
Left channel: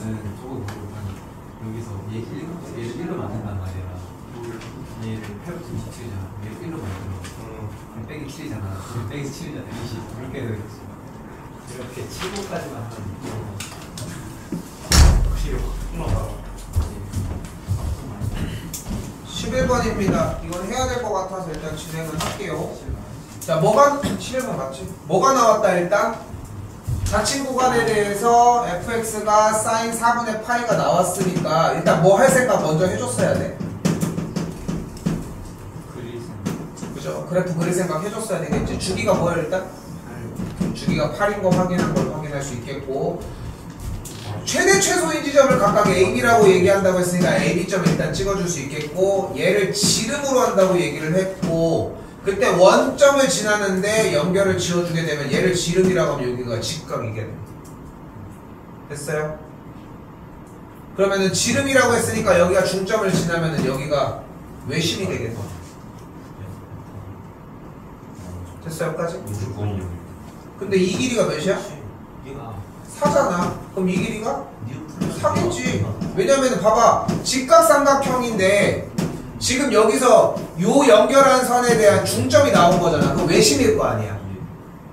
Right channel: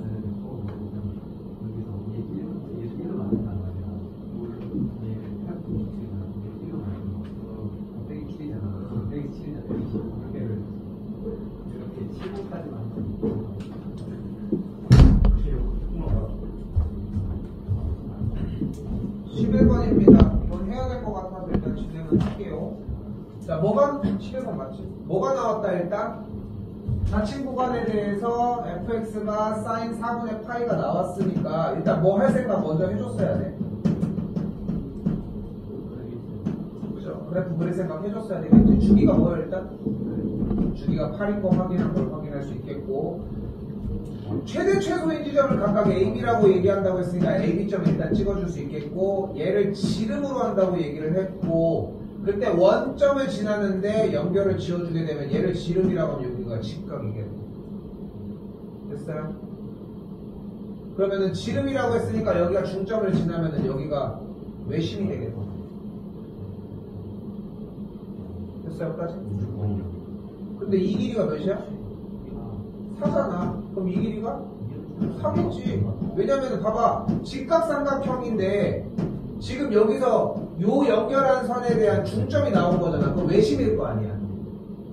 나는 저거 보고 여기서 얘를 1로 만든단 말이야. 얘를 8부터 27이잖아. 얘를 1로 만들어. 그럼 빼기 7이잖아. 빼기 7이잖아. 20. 이렇게 되겠지. 이렇게 7호까지만 하면 확실히 확 11번입니다. 이건 해야 될 것 같아서 일단 진행을 할게요. 자, 뭐가 11번 맞지? 뭐가 나왔다 일단? 자칭 구간에 대해서 fx가 sin 4분의 파이가 나왔으니까 일단 뭐 할 생각 먼저 해줬어야 돼. 그죠? 그래프 그릴 생각 해줬어야 되겠지. 주기가 뭐야 일단? 주기가 8인 거 확인한 걸 확인할 수 있겠고 최대 최소인 지점을 각각 AB라고 얘기한다고 했으니까 AB점을 일단 찍어줄 수 있겠고 얘를 지름으로 한다고 얘기를 했고 그때 원점을 지나는데 연결을 지어주게 되면 얘를 지름이라고 하면 여기가 직각이겠네. 됐어요? 그러면은 지름이라고 했으니까 여기가 중점을 지나면은 여기가 외심이 되겠네. 됐어요? 여기까지? 무조건이요. 근데 이 길이가 몇이야? 4잖아. 그럼 이 길이가? 4겠지. 왜냐면 봐봐. 직각삼각형인데 지금 여기서 요 연결한 선에 대한 중점이 나온 거잖아. 그럼 외심일 거 아니야.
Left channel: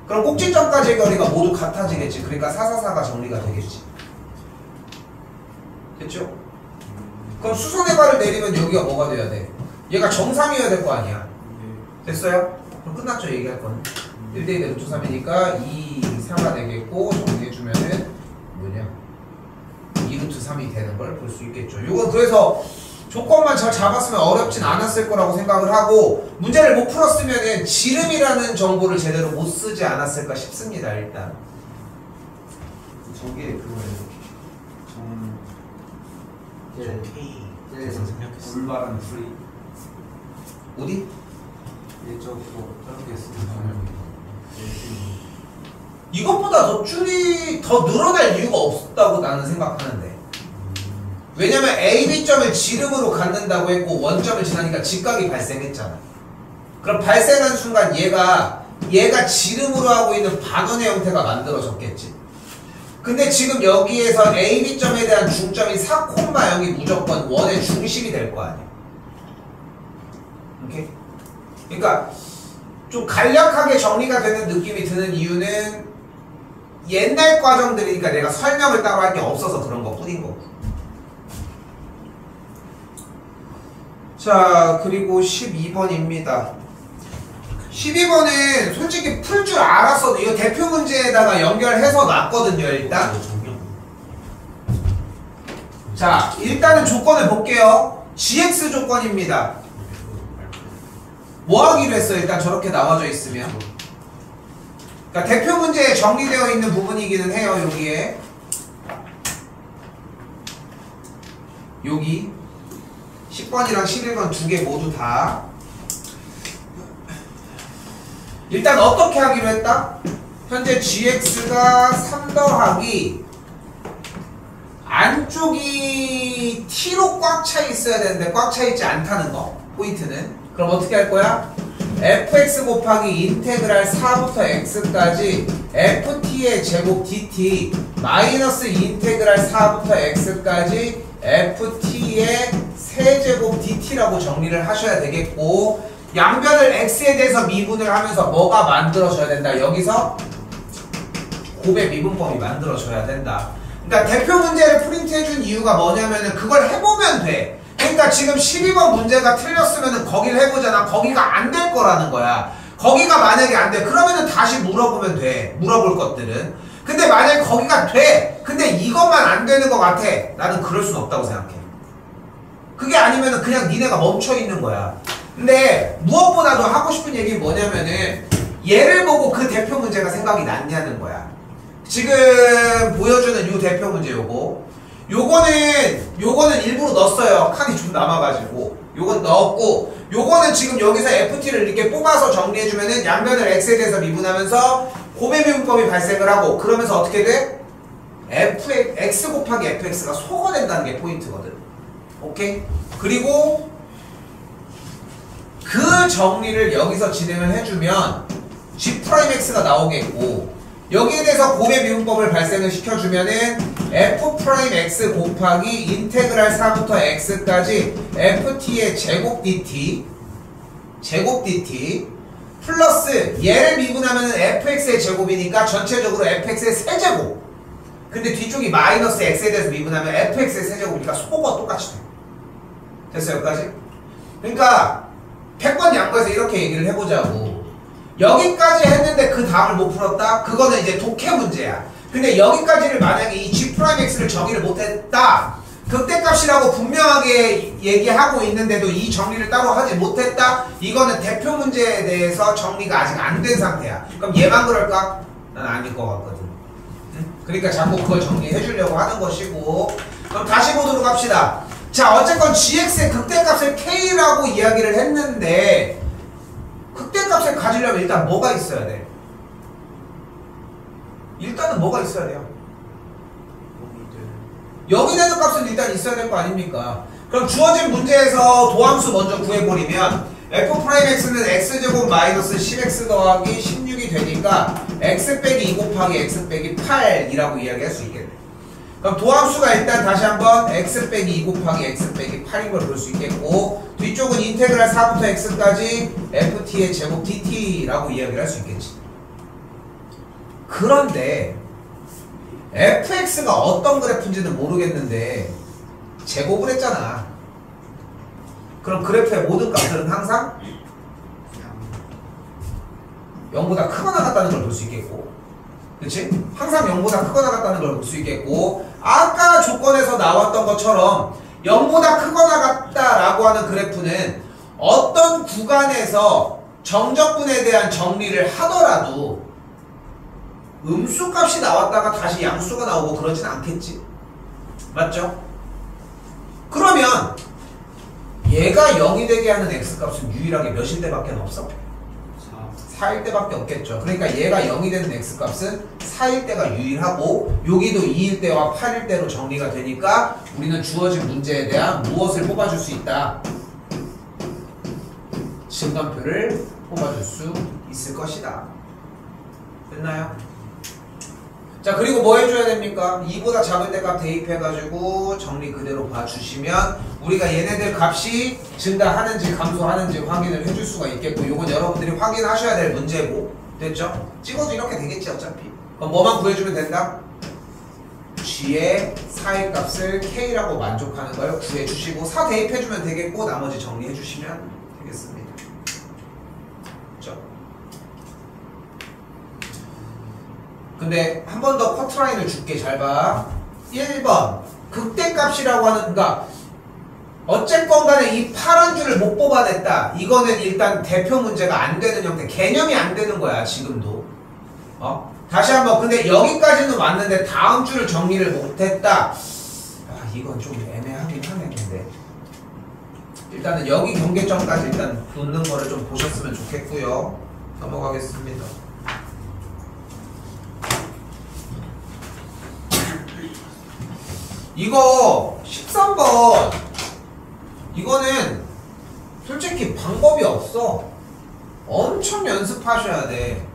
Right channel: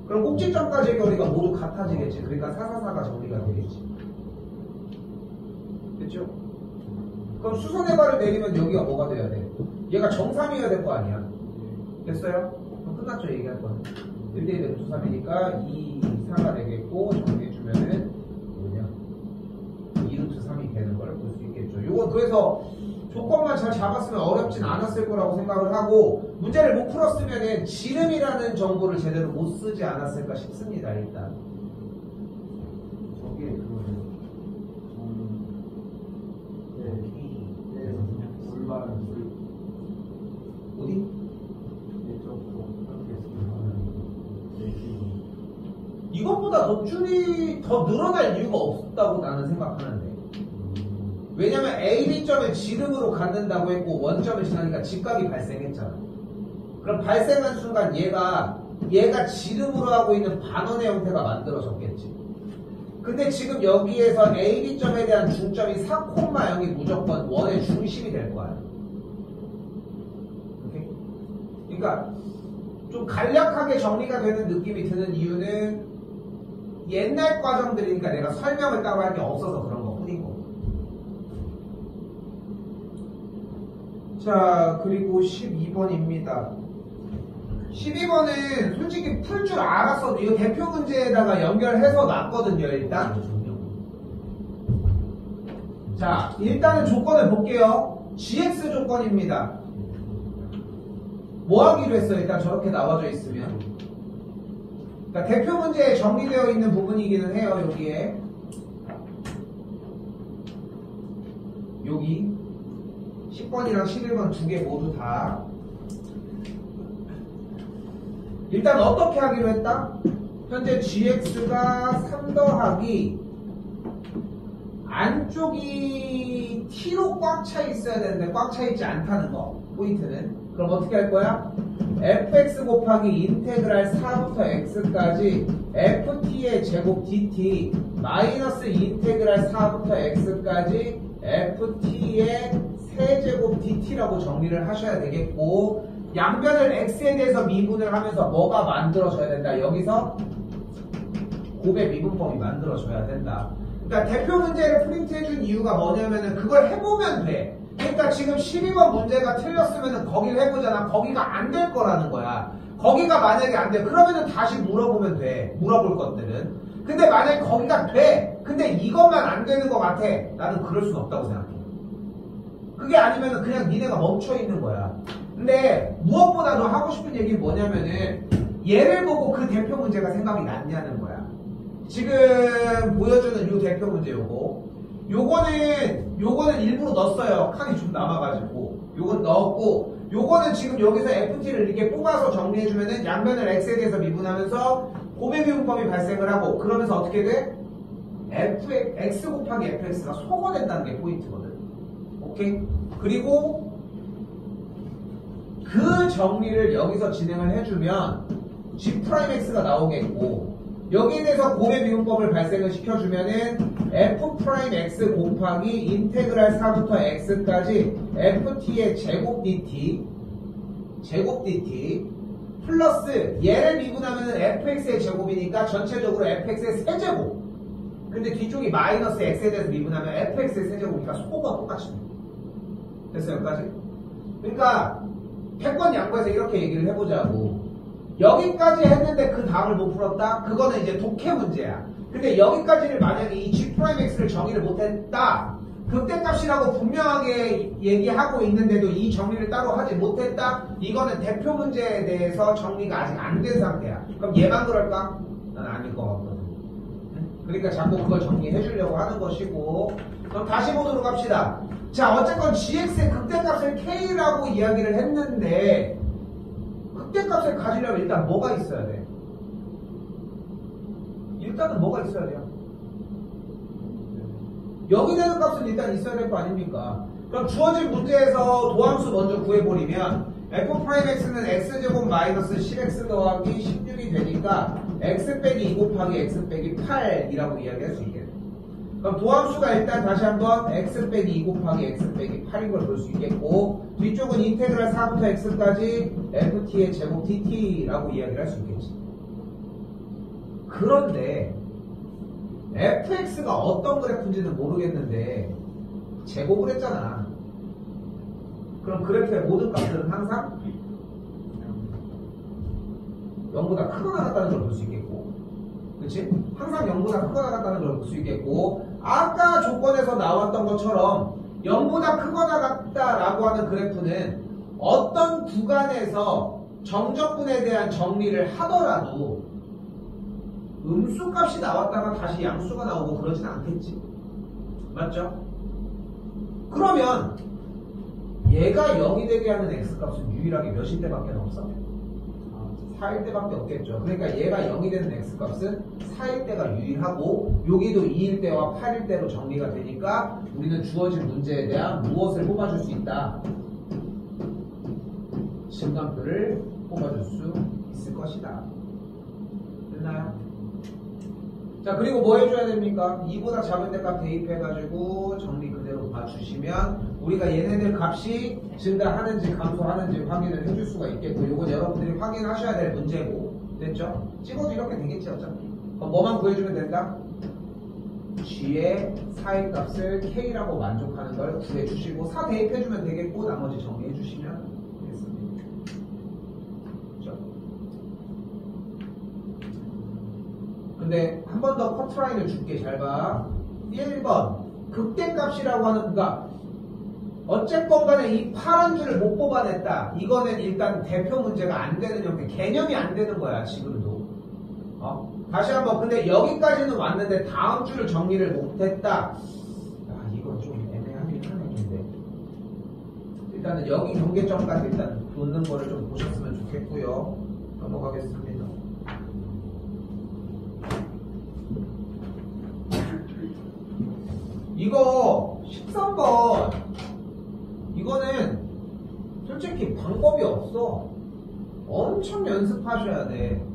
그럼 꼭지점까지의 거리가 모두 같아지겠지. 그러니까 444가 정리가 되겠지. 됐죠? 그럼 수선의 발을 내리면 여기가 뭐가 돼야 돼? 얘가 정상이어야 될 거 아니야. 됐어요? 그럼 끝났죠, 얘기할 거는. 1대2 루트 3이니까 2, 4가 되겠고, 정리해주면은 뭐냐? 2루트 3이 되는 걸 볼 수 있겠죠. 이건 그래서 조건만 잘 잡았으면 어렵진 않았을 거라고 생각을 하고, 문제를 못 풀었으면은 지름이라는 정보를 제대로 못 쓰지 않았을까 싶습니다, 일단. 저게 그거예요. K 그래서 생각했어. 불바라는 소리. 어디? 예적 뭐 저렇게 쓰는 이것보다 더 줄이 더 늘어날 이유가 없다고 나는 생각하는데. 왜냐면 A, B점을 지름으로 갖는다고 했고 원점을 지나니까 직각이 발생했잖아. 그럼 발생한 순간 얘가 지름으로 하고 있는 반원의 형태가 만들어졌겠지. 근데 지금 여기에서 A, B점에 대한 중점이 4,0이 무조건 원의 중심이 될 거 아니야. 오케이? 그러니까 좀 간략하게 정리가 되는 느낌이 드는 이유는 옛날 과정들이니까 내가 설명을 따로 할 게 없어서 그런 거 뿐인 거고. 자, 그리고 12번입니다. 12번은 솔직히 풀 줄 알았어도 이거 대표 문제에다가 연결해서 놨거든요, 일단. 자, 일단은 조건을 볼게요. GX 조건입니다. 뭐 하기로 했어? 일단 저렇게 나와져 있으면. 그러니까 대표 문제에 정리되어 있는 부분이기는 해요, 여기에. 여기 10번이랑 11번 두 개 모두 다. 일단 어떻게 하기로 했다? 현재 gx가 3 더하기 안쪽이 t로 꽉 차 있어야 되는데 꽉 차 있지 않다는 거, 포인트는. 그럼 어떻게 할 거야? fx 곱하기 인테그랄 4부터 x까지 ft의 제곱 dt 마이너스 인테그랄 4부터 x까지 ft의 세제곱 dt라고 정리를 하셔야 되겠고, 양변을 x에 대해서 미분을 하면서 뭐가 만들어져야 된다? 여기서 곱의 미분법이 만들어져야 된다. 그러니까 대표 문제를 프린트해준 이유가 뭐냐면은 그걸 해보면 돼. 그러니까 지금 12번 문제가 틀렸으면은 거기를 해보잖아. 거기가 안 될 거라는 거야. 거기가 만약에 안 돼, 그러면은 다시 물어보면 돼. 물어볼 것들은. 근데 만약에 거기가 돼, 근데 이것만 안 되는 것 같아, 나는 그럴 순 없다고 생각해. 그게 아니면은 그냥 니네가 멈춰 있는 거야. 근데 무엇보다도 하고 싶은 얘기는 뭐냐면은 얘를 보고 그 대표 문제가 생각이 났냐는 거야. 지금 보여주는 요 대표 문제 요거는 일부러 넣었어요. 칸이 좀 남아가지고 요건 넣었고, 요거는 지금 여기서 ft를 이렇게 뽑아서 정리해주면은 양면을 x에 대해서 미분하면서 곱의 미분법이 발생을 하고, 그러면서 어떻게 돼? x 곱하기 fx가 소가 된다는 게 포인트거든. 오케이? 그리고 그 정리를 여기서 진행을 해주면 g'x가 나오겠고, 여기에 대해서 곱의 미분법을 발생을 시켜주면은 f'x 곱하기 인테그랄 4부터 x까지 ft의 제곱 dt 플러스 얘를 미분하면은 fx의 제곱이니까 전체적으로 fx의 세제곱. 근데 뒤쪽이 마이너스 x에 대해서 미분하면 fx의 세제곱이니까 소가 똑같이 돼. 됐어요, 여기까지? 그러니까 100번 양보해서 이렇게 얘기를 해보자고. 여기까지 했는데 그 다음을 못 풀었다? 그거는 이제 독해 문제야. 근데 여기까지를 만약에 이 g'x를 정의를 못했다, 극대값이라고 분명하게 얘기하고 있는데도 이 정리를 따로 하지 못했다? 이거는 대표 문제에 대해서 정리가 아직 안 된 상태야. 그럼 얘만 그럴까? 난 아닐 것 같거든. 그러니까 자꾸 그걸 정리해 주려고 하는 것이고. 그럼 다시 보도록 합시다. 자, 어쨌건 gx의 극대값을 k라고 이야기를 했는데, 극대값을 가지려면 일단 뭐가 있어야 돼? 일단은 뭐가 있어야 돼요? 여기 되는 값은 일단 있어야 될 거 아닙니까? 그럼 주어진 문제에서 도함수 먼저 구해버리면 f'x는 x제곱 마이너스 10x 더하기 16이 되니까 x 빼기 2 곱하기 x 빼기 8이라고 이야기할 수 있겠네. 그럼 도함수가 일단 다시 한번 x 빼기 2 곱하기 x 빼기 8인 걸 볼 수 있겠고, 뒤쪽은 인테그랄 4부터 x까지 ft의 제곱 dt라고 이야기를 할 수 있겠지. 그런데 fx가 어떤 그래프인지는 모르겠는데 제곱을 했잖아. 그럼 그래프의 모든 값들은 항상 0보다 크거나 같다는 걸 볼 수 있겠고, 그치? 항상 0보다 크거나 같다는 걸 볼 수 있겠고, 아까 조건에서 나왔던 것처럼 0보다 크거나 같다라고 하는 그래프는 어떤 구간에서 정적분에 대한 정리를 하더라도 음수 값이 나왔다가 다시 양수가 나오고 그러진 않겠지. 맞죠? 그러면 얘가 0이 되게 하는 x값은 유일하게 몇일 때밖에 없어? 4일 때밖에 없겠죠. 그러니까 얘가 0이 되는 x값은 4일 때가 유일하고, 여기도 2일 때와 8일 때로 정리가 되니까 우리는 주어진 문제에 대한 무엇을 뽑아줄 수 있다? 진단표를 뽑아줄 수 있을 것이다. 됐나요? 자, 그리고 뭐 해줘야 됩니까? 2보다 작을 때 값 대입해가지고 정리 그대로 봐주시면 우리가 얘네들 값이 증가하는지 감소하는지 확인을 해줄 수가 있겠고, 요건 여러분들이 확인하셔야 될 문제고, 됐죠? 찍어도 이렇게 되겠지 어차피. 그럼 뭐만 구해주면 된다? g의 4의 값을 k라고 만족하는 걸 구해주시고 4 대입해주면 되겠고, 나머지 정리해주시면 되겠습니다. 그렇죠? 근데 한 번 더 커트라인을 줄게. 잘 봐. 1번 극대값이라고 하는, 그러니까 어쨌건 간에 이 파란 줄을 못 뽑아냈다. 이거는 일단 대표 문제가 안 되는 형태, 개념이 안 되는 거야 지금도. 다시 한번. 근데 여기까지는 왔는데 다음 줄을 정리를 못했다. 이건 좀 애매하긴 하네. 근데 일단은 여기 경계점까지 일단 놓는 거를 좀 보셨으면 좋겠고요. 넘어가겠습니다. 이거 13번 이거는 솔직히 방법이 없어. 엄청 연습하셔야 돼.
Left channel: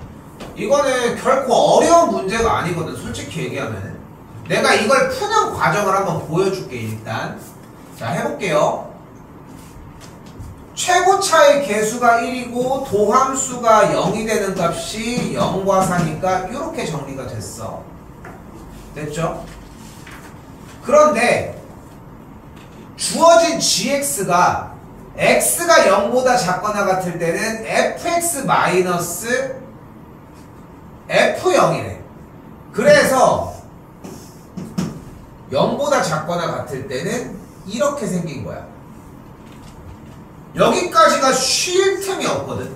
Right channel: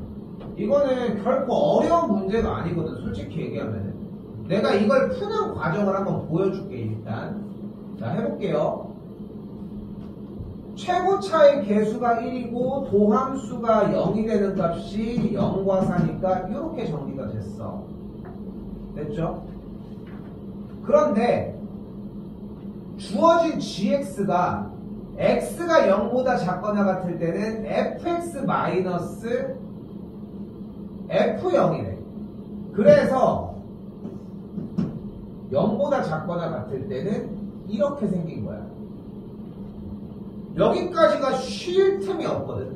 이거는 결코 어려운 문제가 아니거든. 솔직히 얘기하면 내가 이걸 푸는 과정을 한번 보여줄게. 일단 자, 해볼게요. 최고차의 개수가 1이고 도함수가 0이 되는 값이 0과 4니까 이렇게 정리가 됐어. 됐죠? 그런데 주어진 gx가 x가 0보다 작거나 같을 때는 fx 마이너스 f0이래. 그래서 0보다 작거나 같을 때는 이렇게 생긴 거야. 여기까지가 쉴 틈이 없거든.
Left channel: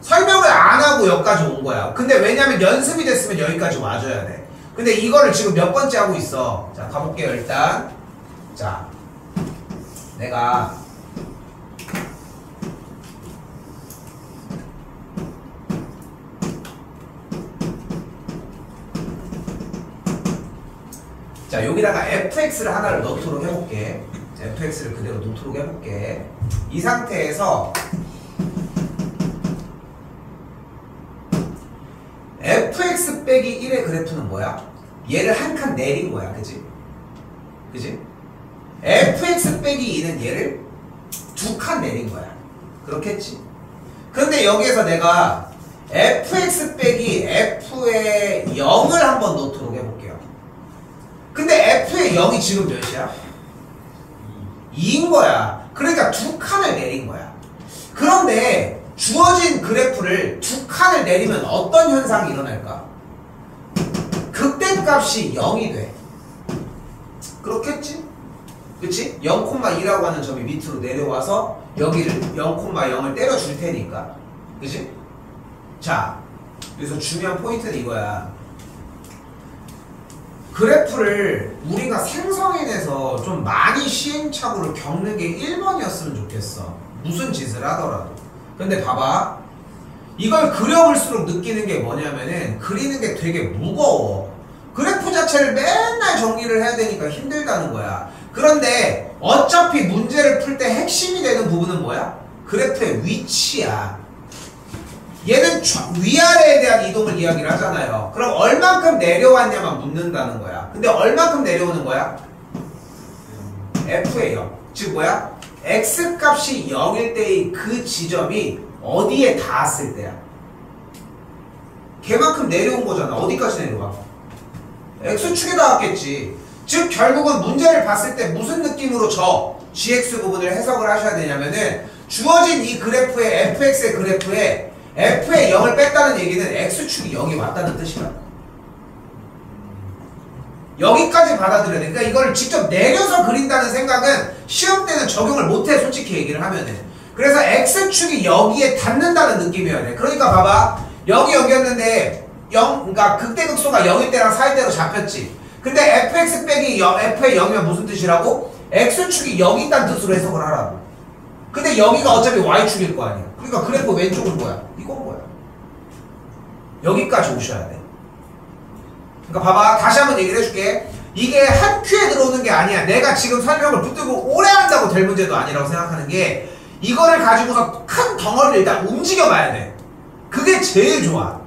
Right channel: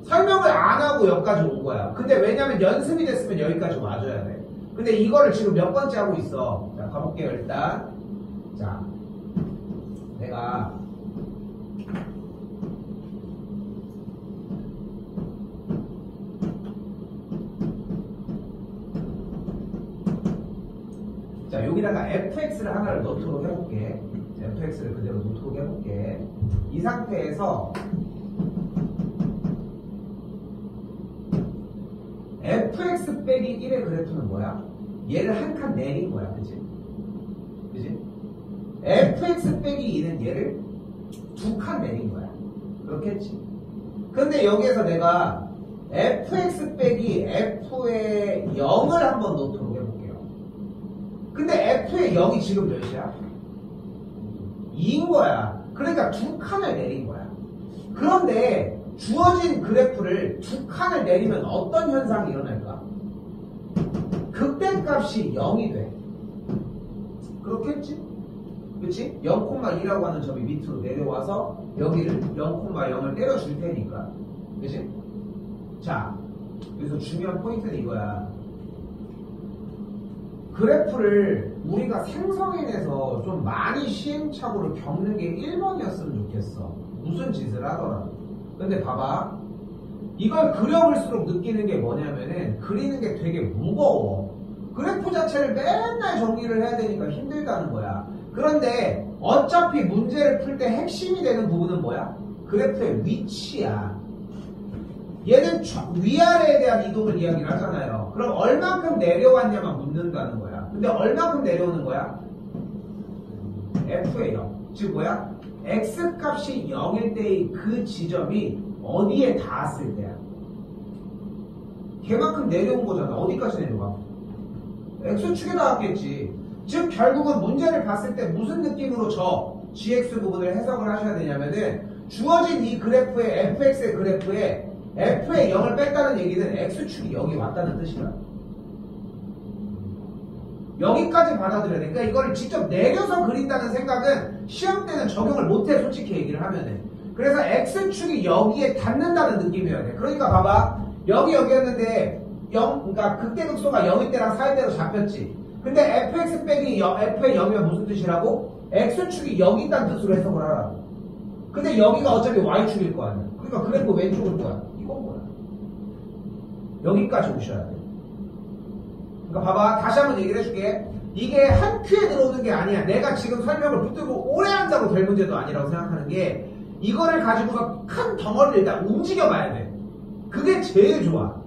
설명을 안 하고 여기까지 온 거야. 근데 왜냐면 연습이 됐으면 여기까지 와줘야 돼. 근데 이거를 지금 몇 번째 하고 있어. 자, 가볼게요. 일단 자, 내가 자, 여기다가 fx를 하나를 넣도록 해볼게. fx를 그대로 놓도록 해볼게. 이 상태에서 fx 빼기 1의 그래프는 뭐야? 얘를 한 칸 내린 거야. 그지? 그지? fx 빼기 2는 얘를 두 칸 내린 거야. 그렇겠지? 근데 여기에서 내가 fx 빼기 f의 0을 한번 놓도록 해볼게요. 근데 f의 0이 지금 몇이야? 2인 거야. 그러니까 두 칸을 내린 거야. 그런데 주어진 그래프를 두 칸을 내리면 어떤 현상이 일어날까? 극대값이 0이 돼. 그렇겠지? 그치? 0,2라고 하는 점이 밑으로 내려와서 여기를 0,0을 때려줄 테니까. 그치? 자, 여기서 중요한 포인트는 이거야. 그래프를 우리가 생성해내서 좀 많이 시행착오를 겪는 게 1번이었으면 좋겠어. 무슨 짓을 하더라도. 근데 봐봐. 이걸 그려볼수록 느끼는 게 뭐냐면은 그리는 게 되게 무거워. 그래프 자체를 맨날 정리를 해야 되니까 힘들다는 거야. 그런데 어차피 문제를 풀 때 핵심이 되는 부분은 뭐야? 그래프의 위치야. 얘는 위아래에 대한 이동을 이야기를 하잖아요. 그럼 얼만큼 내려왔냐만 묻는다는 거야. 근데 얼만큼 내려오는 거야? f의 0. 즉 뭐야? x값이 0일 때의 그 지점이 어디에 닿았을 때야? 걔만큼 내려온 거잖아. 어디까지 내려와? x축에 닿았겠지. 즉 결국은 문제를 봤을 때 무슨 느낌으로 져? gx 부분을 해석을 하셔야 되냐면은 주어진 이 그래프의 fx의 그래프에 f의 0을 뺐다는 얘기는 x축이 여기 왔다는 뜻이야. 여기까지 받아들여야 돼. 그러니까 이걸 직접 내려서 그린다는 생각은 시험 때는 적용을 못해, 솔직히 얘기를 하면은. 그래서 x축이 여기에 닿는다는 느낌이어야 돼. 그러니까 봐봐, 여기였는데 0, 그러니까 극대극소가 0일 때랑 4일 때로 잡혔지. 근데 fx 빼기 f의 0이면 무슨 뜻이라고? x축이 여기 있다는 뜻으로 해석을 하라고. 근데 여기가 어차피 y축일 거 아니야. 그러니까 그래프 왼쪽은 뭐야? 이건 뭐야? 여기까지 오셔야 돼. 그러니까 봐봐, 다시 한번 얘기를 해줄게. 이게 한 큐에 들어오는 게 아니야. 내가 지금 설명을 붙들고 오래 한다고 될 문제도 아니라고 생각하는 게, 이거를 가지고서 큰 덩어리를 일단 움직여봐야 돼. 그게 제일 좋아.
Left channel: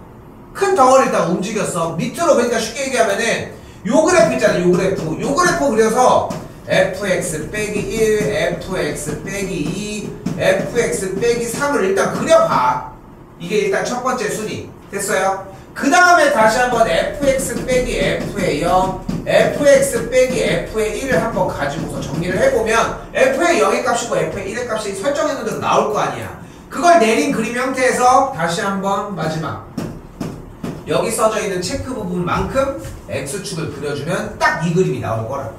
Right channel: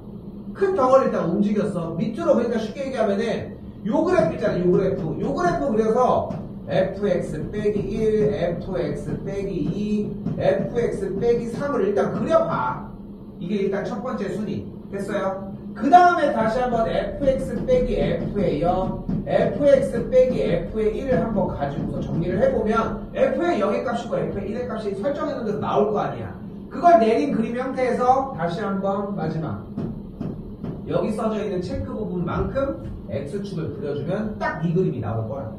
큰 덩어리를 일단 움직였어. 밑으로, 그러니까 쉽게 얘기하면은 요 그래프 있잖아. 요 그래프 그려서 fx 빼기 1, fx 빼기 2, fx 빼기 3을 일단 그려봐. 이게 일단 첫 번째 순위. 됐어요? 그 다음에 다시 한번 fx 빼기 f의 0, fx 빼기 f의 1을 한번 가지고서 정리를 해보면 f의 0의 값이고 f의 1의 값이 설정했는 대로 나올 거 아니야. 그걸 내린 그림 형태에서 다시 한번 마지막 여기 써져 있는 체크 부분만큼 x축을 그려주면 딱 이 그림이 나올 거라고.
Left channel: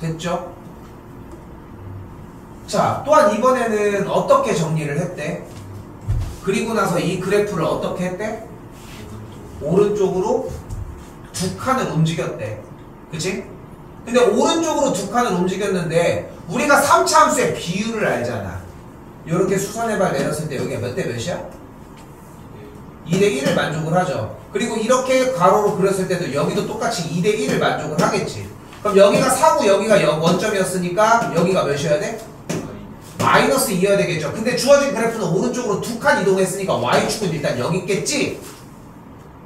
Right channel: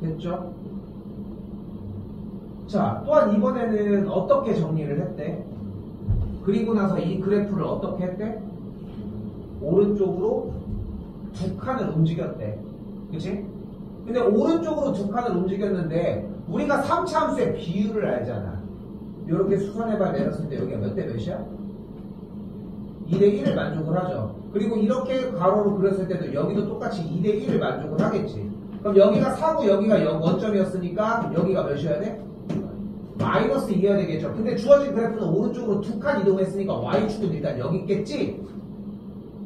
됐죠? 자, 또한 이번에는 어떻게 정리를 했대? 그리고 나서 이 그래프를 어떻게 했대? 오른쪽으로 두 칸을 움직였대. 그치? 근데 오른쪽으로 두 칸을 움직였는데 우리가 3차 함수의 비율을 알잖아. 이렇게 수선의 발 내렸을 때 여기가 몇 대 몇이야? 2대 1을 만족을 하죠. 그리고 이렇게 가로로 그렸을 때도 여기도 똑같이 2대 1을 만족을 하겠지. 그럼 여기가 4고 여기가 원점이었으니까 여기가 몇이어야 돼? 마이너스 2여야 되겠죠. 근데 주어진 그래프는 오른쪽으로 두 칸 이동했으니까 y축은 일단 여기 있겠지.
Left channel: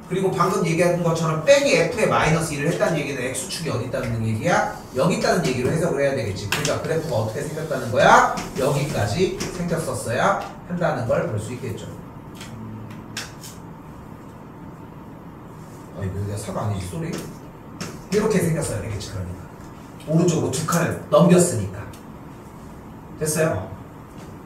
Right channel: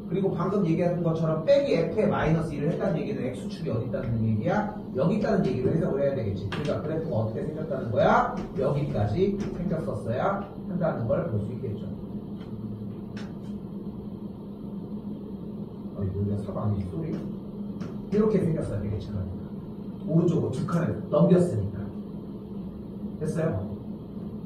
그리고 방금 얘기한 것처럼 빼기 f에 마이너스 2를 했다는 얘기는 x축이 어디 있다는 얘기야? 여기 있다는 얘기로 해석을 해야 되겠지. 그러니까 그래프가 어떻게 생겼다는 거야? 여기까지 생겼었어야 한다는 걸 볼 수 있겠죠. 여기가 사과 아니지, 쏘리? 이렇게 생겼어야 되겠지. 그러니까 오른쪽으로 두 칸을 넘겼으니까. 됐어요?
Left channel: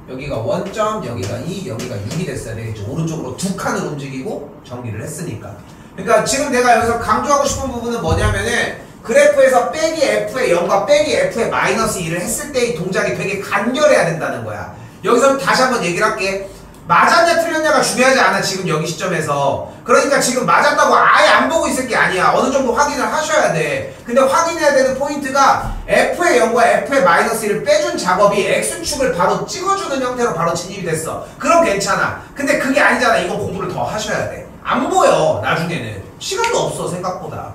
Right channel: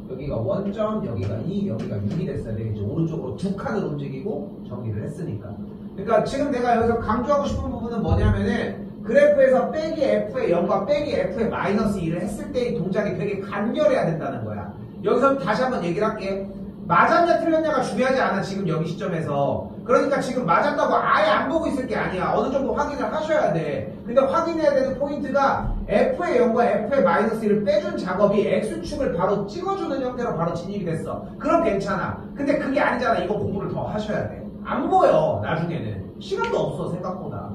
여기가 원점, 여기가 2, 여기가 6이 됐어야 되겠죠. 오른쪽으로 두 칸을 움직이고 정리를 했으니까. 그러니까 지금 내가 여기서 강조하고 싶은 부분은 뭐냐면은 그래프에서 빼기 f의 0과 빼기 f의 마이너스 2를 했을 때의 동작이 되게 간결해야 된다는 거야. 여기서 다시 한번 얘기를 할게. 맞았냐 틀렸냐가 중요하지 않아, 지금 여기 시점에서. 그러니까 지금 맞았다고 아예 안 보고 있을 게 아니야. 어느 정도 확인을 하셔야 돼. 근데 확인해야 되는 포인트가 f의 0과 f의 마이너스 1을 빼준 작업이 x축을 바로 찍어주는 형태로 바로 진입이 됐어. 그럼 괜찮아. 근데 그게 아니잖아. 이거 공부를 더 하셔야 돼. 안 보여, 나중에는. 시간도 없어, 생각보다.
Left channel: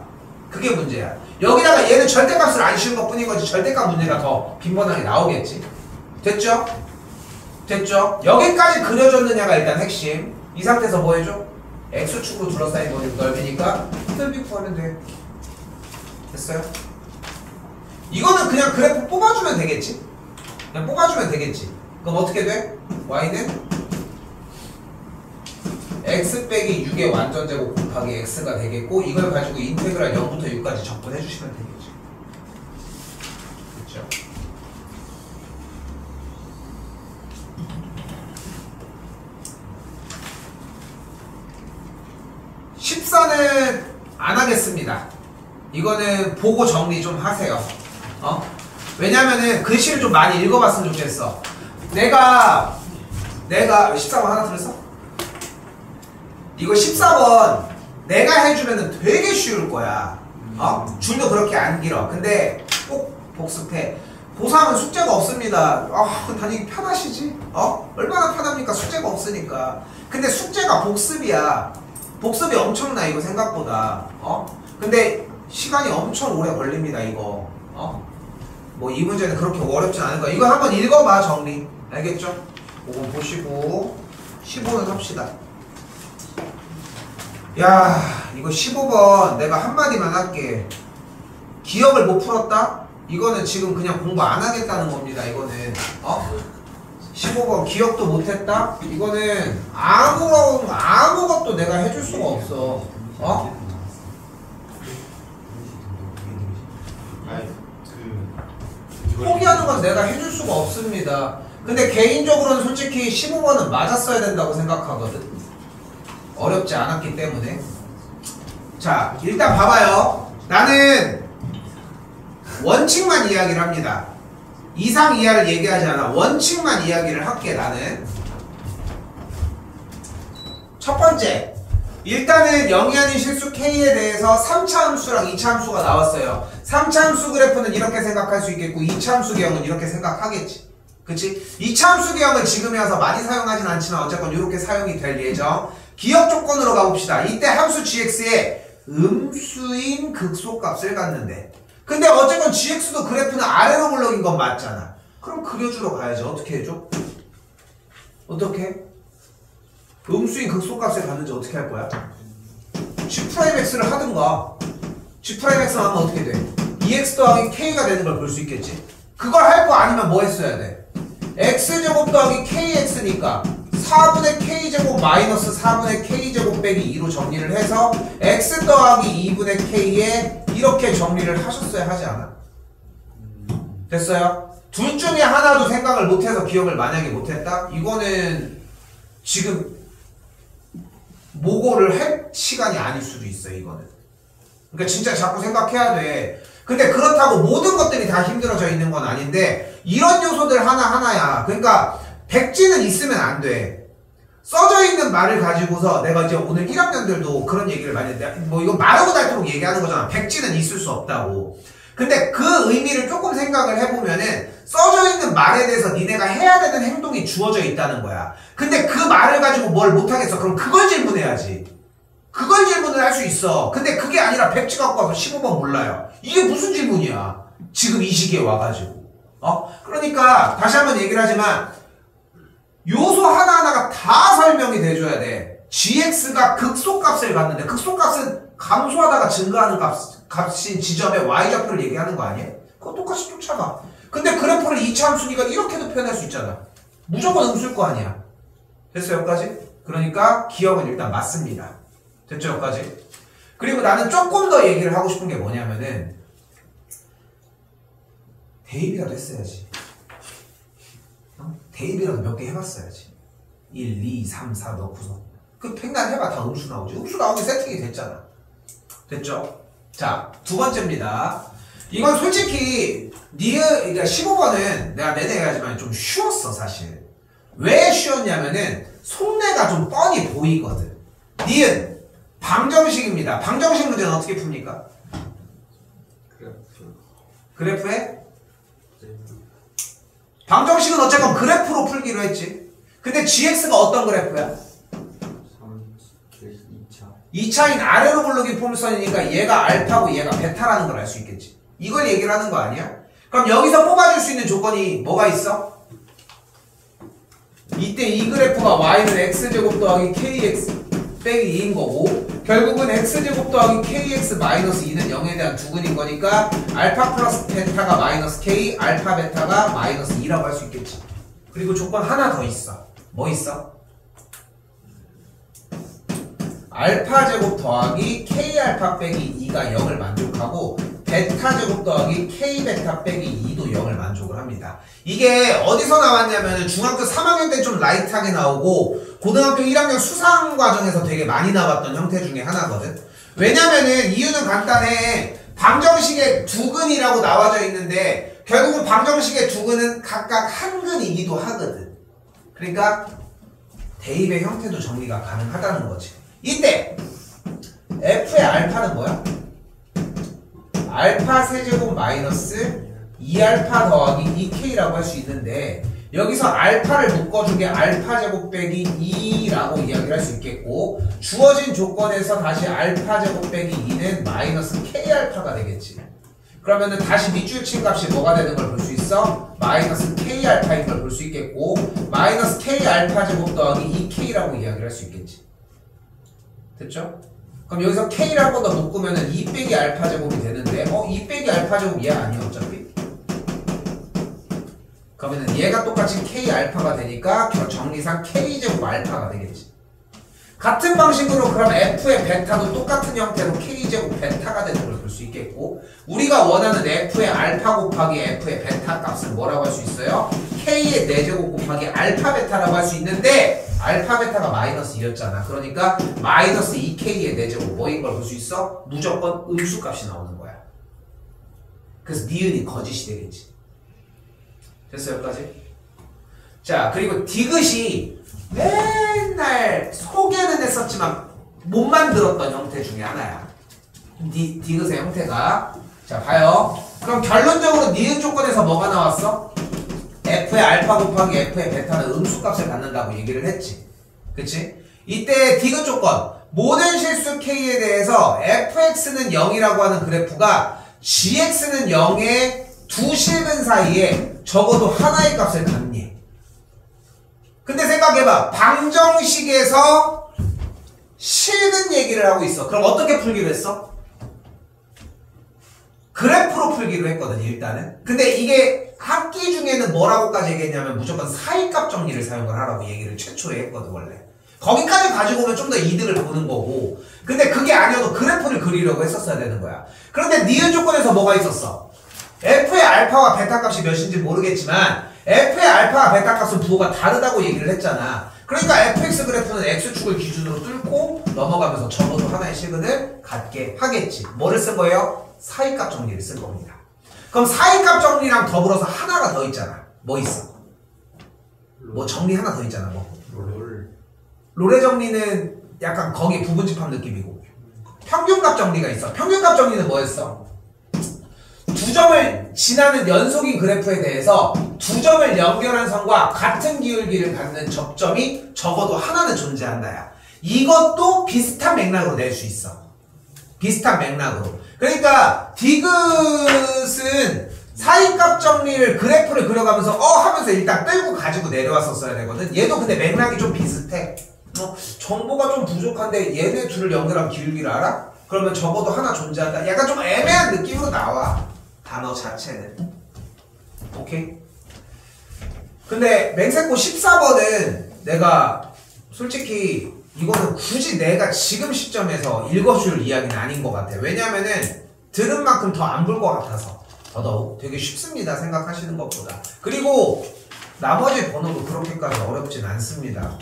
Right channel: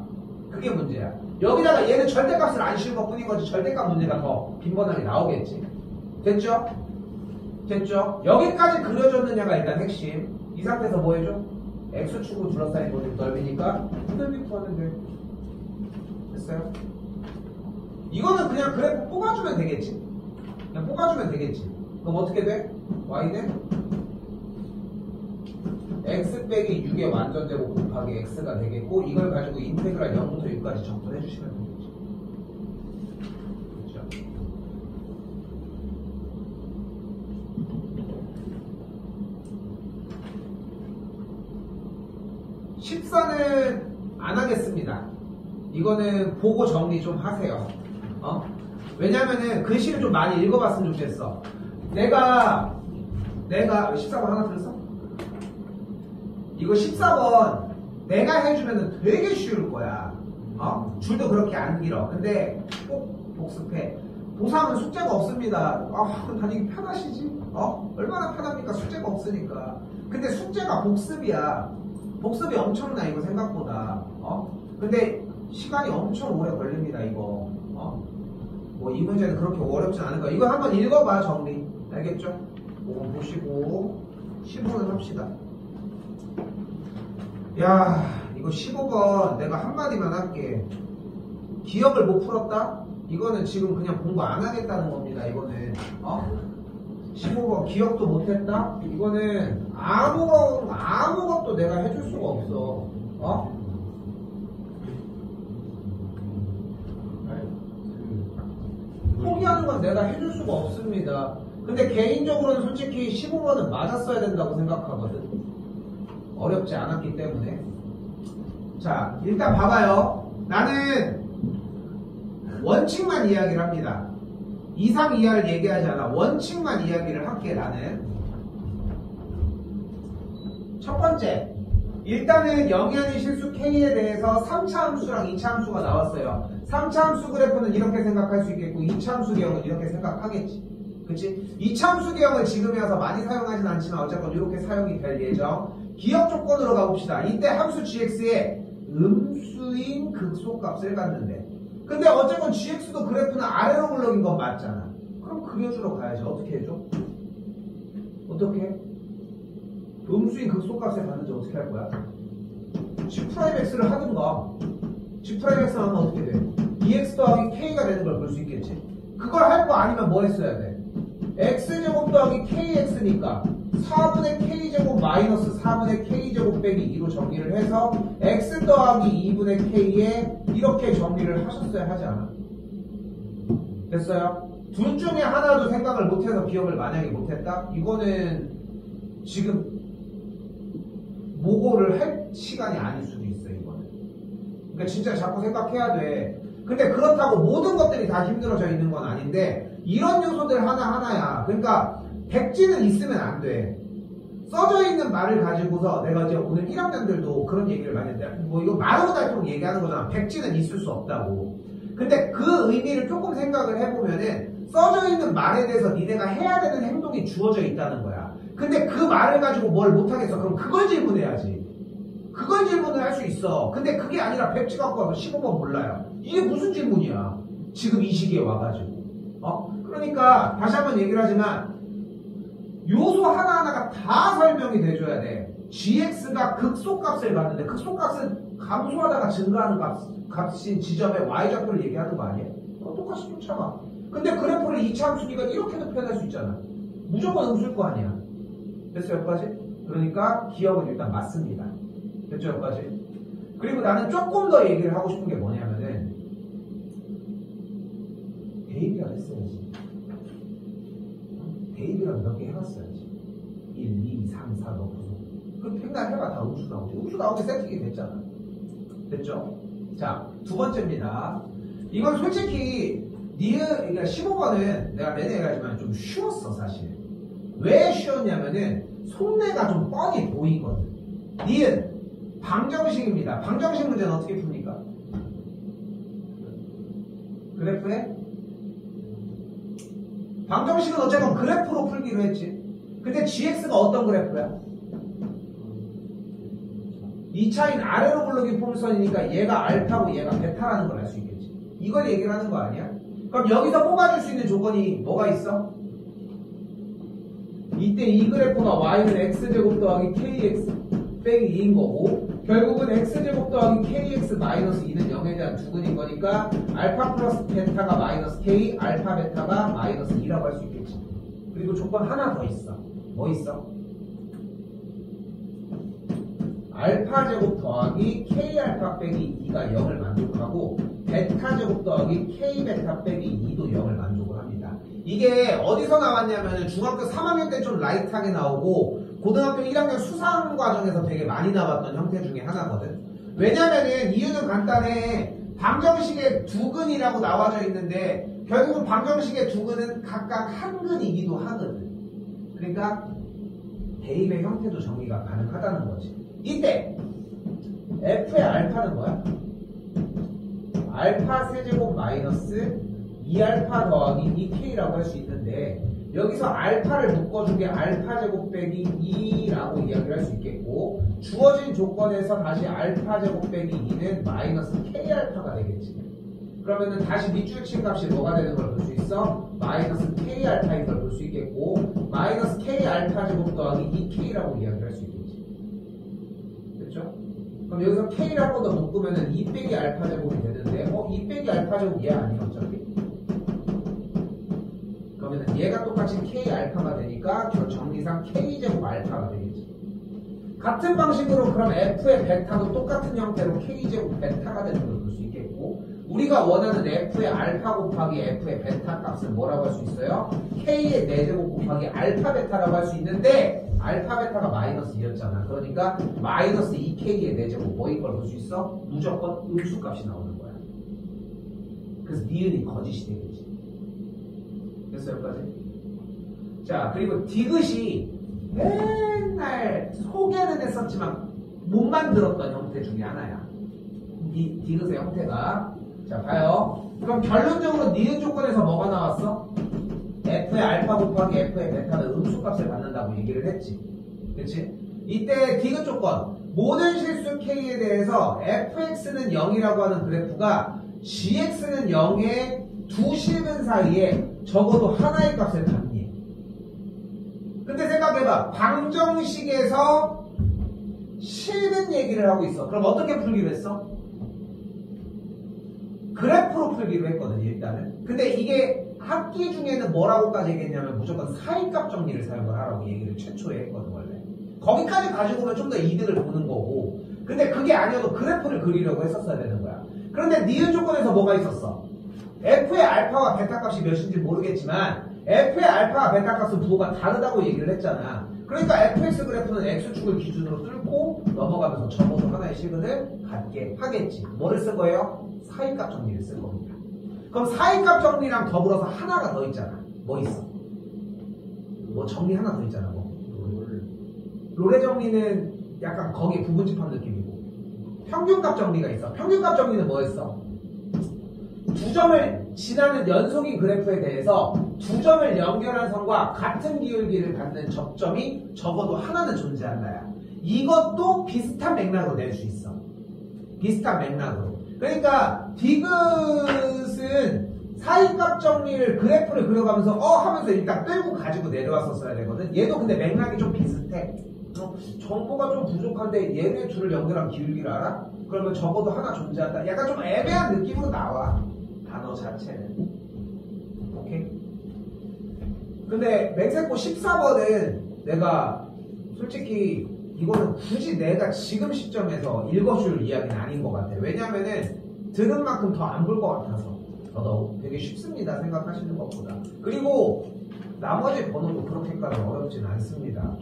그게 문제야. 여기다가 얘는 절대값을 안 씌운 것 뿐인 거지 절대값 문제가 더 빈번하게 나오겠지. 됐죠? 됐죠? 여기까지 그려줬느냐가 일단 핵심. 이 상태에서 뭐 해줘? x축으로 둘러싸인 넓이니까 넓이 구하면 돼. 됐어요? 이거는 그냥 그래프 뽑아주면 되겠지? 그냥 뽑아주면 되겠지. 그럼 어떻게 돼? y는 x 빼기 6의 완전제곱 곱하기 x가 되겠고, 이걸 가지고 인테그랄 0부터 6까지 적분해 주시면 되겠죠. 그렇죠? 14는 안 하겠습니다. 이거는 보고 정리 좀 하세요. 왜냐면은 글씨를 좀 많이 읽어봤으면 좋겠어. 내가 14번 하나 들었어? 이거 14번 내가 해주면은 되게 쉬울 거야. 줄도 그렇게 안 길어. 근데 꼭 복습해. 고3은 숙제가 없습니다. 다니기 편하시지? 얼마나 편합니까? 숙제가 없으니까. 근데 숙제가 복습이야. 복습이 엄청나, 이거 생각보다. 근데 시간이 엄청 오래 걸립니다, 이거. 뭐 이 문제는 그렇게 어렵진 않은 거야. 이거 한번 읽어봐, 정리. 알겠죠? 5번 보시고 15는 합시다. 야, 이거 15번 내가 한마디만 할게. 기억을 못 풀었다? 이거는 지금 그냥 공부 안 하겠다는 겁니다, 이거는. 15번 기억도 못했다? 이거는 아무것도 내가 해줄 수가 없어. 아니 내가 해줄 수가 없습니다. 근데 개인적으로는 솔직히 15번은 맞았어야 된다고 생각하거든. 어렵지 않았기 때문에. 자, 일단 봐봐요. 나는 원칙만 이야기를 합니다. 이상 이하를 얘기하지 않아. 원칙만 이야기를 할게. 나는 첫 번째, 일단은 0이 아닌 실수 K에 대해서 3차 함수랑 2차 함수가 나왔어요. 3차 함수 그래프는 이렇게 생각할 수 있겠고 2차 함수 기형은 이렇게 생각하겠지. 그치? 2차 함수 기형은 지금에 와서 많이 사용하진 않지만 어쨌건 이렇게 사용이 될 예정. 기억 조건으로 가봅시다. 이때 함수 gx에 음수인 극소값을 갖는데, 근데 어쨌건 gx도 그래프는 아래로 물러긴 건 맞잖아. 그럼 그려주러 가야지. 어떻게 해줘? 어떻게? 음수인 극소값을 갖는지 어떻게 할 거야? g'x를 하든가. g'x 하면 어떻게 돼? 2x 더하기 k가 되는 걸 볼 수 있겠지. 그걸 할 거 아니면 뭐 했어야 돼? x제곱 더하기 kx니까 4분의 k제곱 마이너스 4분의 k제곱 빼기 2로 정리를 해서 x 더하기 2분의 k에 이렇게 정리를 하셨어야 하지 않아? 됐어요? 둘 중에 하나도 생각을 못해서 기억을 만약에 못했다? 이거는 지금 모고를 할 시간이 아닐 수도 있어. 이거는 그러니까 진짜 자꾸 생각해야 돼. 근데 그렇다고 모든 것들이 다 힘들어져 있는 건 아닌데 이런 요소들 하나하나야. 그러니까 백지는 있으면 안 돼. 써져 있는 말을 가지고서 내가 이제 오늘 1학년들도 그런 얘기를 많이 했는데 뭐 이거 말하고 닳도록 얘기하는 거잖아. 백지는 있을 수 없다고. 근데 그 의미를 조금 생각을 해보면은 써져 있는 말에 대해서 니네가 해야 되는 행동이 주어져 있다는 거야. 근데 그 말을 가지고 뭘 못하겠어. 그럼 그걸 질문해야지. 그걸 질문을 할 수 있어. 근데 그게 아니라 백지 갖고 와서 15번 몰라요. 이게 무슨 질문이야 지금 이 시기에 와가지고. 그러니까 다시 한번 얘기를 하지만 요소 하나하나가 다 설명이 돼줘야 돼. gx가 극소값을 갖는데 극소값은 감소하다가 증가하는 값인 지점의 y좌표를 얘기하는 거 아니야? 그거 똑같이 쫓아가. 근데 그래프를 2차 함수니까 이렇게도 표현할 수 있잖아. 무조건 음수일 거 아니야. 됐어요 여기까지? 그러니까 기억은 일단 맞습니다. 됐죠 여기까지? 그리고 나는 조금 더 얘기를 하고 싶은 게 뭐냐면은 대입이라도 했어야지. 대입이라도 몇 개 해봤어야지. 1, 2, 3, 4 넣고서 그 팽난 해봐. 다 음수 나오지. 음수 나오면 세팅이 됐잖아. 됐죠? 자, 두 번째입니다. 이건 솔직히 그러니까 15번은 내가 내내 얘기하지만 좀 쉬웠어 사실. 왜 쉬웠냐면은 속내가 좀 뻔히 보이거든. 니은 방정식입니다. 방정식 문제는 어떻게 풉니까? 그래프에? 방정식은 어쨌건 그래프로 풀기로 했지. 근데 gx가 어떤 그래프야? 2차인 아래로 굴러긴 포물선이니까 얘가 알파고 얘가 베타라는 걸 알 수 있겠지. 이걸 얘기를 하는 거 아니야? 그럼 여기서 뽑아줄 수 있는 조건이 뭐가 있어? 이때 이 그래프가 y는 x제곱 더하기 kx 빼기 2인 거고 결국은 x제곱 더하기 kx 마이너스 2는 0에 대한 두근인 거니까 알파 플러스 베타가 마이너스 k, 알파 베타가 마이너스 2라고 할 수 있겠지. 그리고 조건 하나 더 있어. 뭐 있어? 알파 제곱 더하기 k 알파 빼기 2가 0을 만족하고 베타 제곱 더하기 k 베타 빼기 2도 0을 만족을 합니다. 이게 어디서 나왔냐면 중학교 3학년 때 좀 라이트하게 나오고 고등학교 1학년 수상 과정에서 되게 많이 나왔던 형태 중에 하나거든. 왜냐면은 이유는 간단해. 방정식의 두근이라고 나와져 있는데 결국은 방정식의 두근은 각각 한 근이기도 하거든. 그러니까 대입의 형태도 정리가 가능하다는 거지. 이때 f의 알파는 뭐야? 알파 세제곱 마이너스 2알파 더하기 2k라고 할 수 있는데 여기서 알파를 묶어주게 알파 제곱 빼기 2라고 이야기를 할 수 있겠고 주어진 조건에서 다시 알파 제곱 빼기 2는 마이너스 k알파가 되겠지. 그러면은 다시 밑줄 친 값이 뭐가 되는 걸 볼 수 있어? 마이너스 k알파인 걸 볼 수 있겠고 마이너스 k알파 제곱 더하기 2k라고 이야기를 할 수 있겠지. 됐죠? 그럼 여기서 k를 한 번 더 묶으면은 2 빼기 알파 제곱이 되는데 2 빼기 알파 제곱 얘 아니야 어차피? 그러면은 얘가 똑같이 k 알파가 되니까 정리상 k 제곱 알파가 되겠지. 같은 방식으로 그럼 f의 베타도 똑같은 형태로 k제곱 베타가 되는 걸 볼 수 있겠고 우리가 원하는 f의 알파 곱하기 f의 베타 값을 뭐라고 할 수 있어요? k의 4제곱 곱하기 알파 베타라고 할 수 있는데 알파 베타가 마이너스 2였잖아. 그러니까 마이너스 2k의 4제곱 뭐인 걸 볼 수 있어? 무조건 음수값이 나오는 거야. 그래서 니은이 거짓이 되겠지. 됐어 여기까지? 자 그리고 디귿이 맨날 소개는 했었지만 못 만들었던 형태 중에 하나야. 디귿의 형태가. 자 봐요. 그럼 결론적으로 니은 조건에서 뭐가 나왔어? f의 알파 곱하기 f의 베타는 음수값을 갖는다고 얘기를 했지. 그치? 이때 디귿 조건 모든 실수 k에 대해서 fx는 0이라고 하는 그래프가 gx는 0의 두 실근 사이에 적어도 하나의 값을 갖니. 근데 생각해봐. 방정식에서 실근 얘기를 하고 있어. 그럼 어떻게 풀기로 했어? 그래프로 풀기로 했거든 일단은. 근데 이게 학기 중에는 뭐라고까지 얘기했냐면 무조건 사이값 정리를 사용을 하라고 얘기를 최초에 했거든 원래. 거기까지 가지고 오면 좀 더 이득을 보는 거고 근데 그게 아니어도 그래프를 그리려고 했었어야 되는 거야. 그런데 니은 조건에서 뭐가 있었어? f의 알파와 베타 값이 몇인지 모르겠지만 f의 알파와 베타 값은 부호가 다르다고 얘기를 했잖아. 그러니까 fx 그래프는 x축을 기준으로 뚫고 넘어가면서 적어도 하나의 실근을 갖게 하겠지. 뭐를 쓴 거예요? 사이값 정리를 쓴 겁니다. 그럼 사이값 정리랑 더불어서 하나가 더 있잖아. 뭐 있어? 뭐 정리 하나 더 있잖아. 뭐 롤의 정리는 약간 거기에 부분집합 느낌이고 평균값 정리가 있어. 평균값 정리는 뭐였어? 두 점을 지나는 연속인 그래프에 대해서 두 점을 연결한 선과 같은 기울기를 갖는 접점이 적어도 하나는 존재한다야. 이것도 비슷한 맥락으로 낼 수 있어. 비슷한 맥락으로. 그러니까 디귿은 사이값 정리를 그래프를 그려가면서 하면서 일단 끌고 가지고 내려왔었어야 되거든. 얘도 근데 맥락이 좀 비슷해. 정보가 좀 부족한데 얘네 둘을 연결한 기울기를 알아? 그러면 적어도 하나 존재한다. 약간 좀 애매한 느낌으로 나와. 단어 자체는. 오케이? 근데 맹세코 14번은 내가 솔직히 이거는 굳이 내가 지금 시점에서 읽어줄 이야기는 아닌 것 같아. 왜냐면은 들은 만큼 더 안 볼 것 같아서. 더더욱 되게 쉽습니다. 생각하시는 것보다. 그리고 나머지 번호도 그렇게까지 어렵진 않습니다.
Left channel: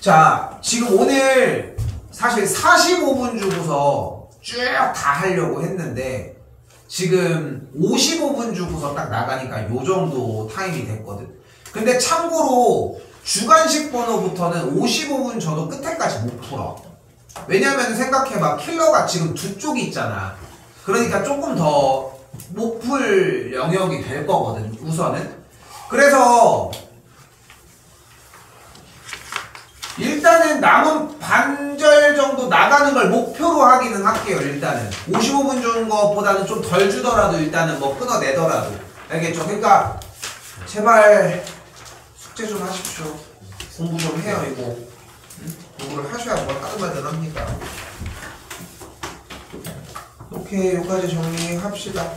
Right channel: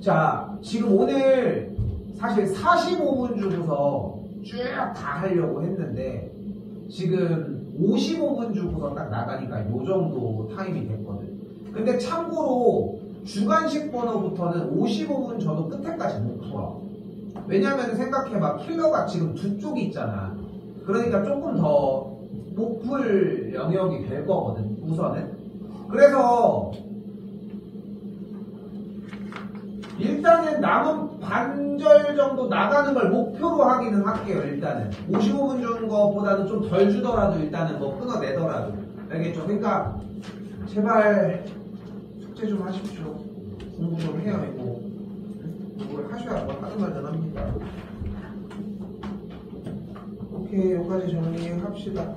자, 지금 오늘 사실 45분 주고서 쭉 다 하려고 했는데 지금 55분 주고서 딱 나가니까 요 정도 타임이 됐거든. 근데 참고로 주관식 번호부터는 55분 저도 끝에까지 못 풀어. 왜냐면 생각해봐. 킬러가 지금 두 쪽이 있잖아. 그러니까 조금 더 못 풀 영역이 될 거거든 우선은. 그래서 일단은 남은 반절 정도 나가는 걸 목표로 하기는 할게요. 일단은 55분 주는 것보다는 좀 덜 주더라도 일단은 뭐 끊어내더라도. 알겠죠? 그러니까 제발 숙제 좀 하십시오. 공부 좀 해요. 이거 공부를 하셔야 뭘 하든 말든 합니다. 오케이, 여기까지 정리합시다.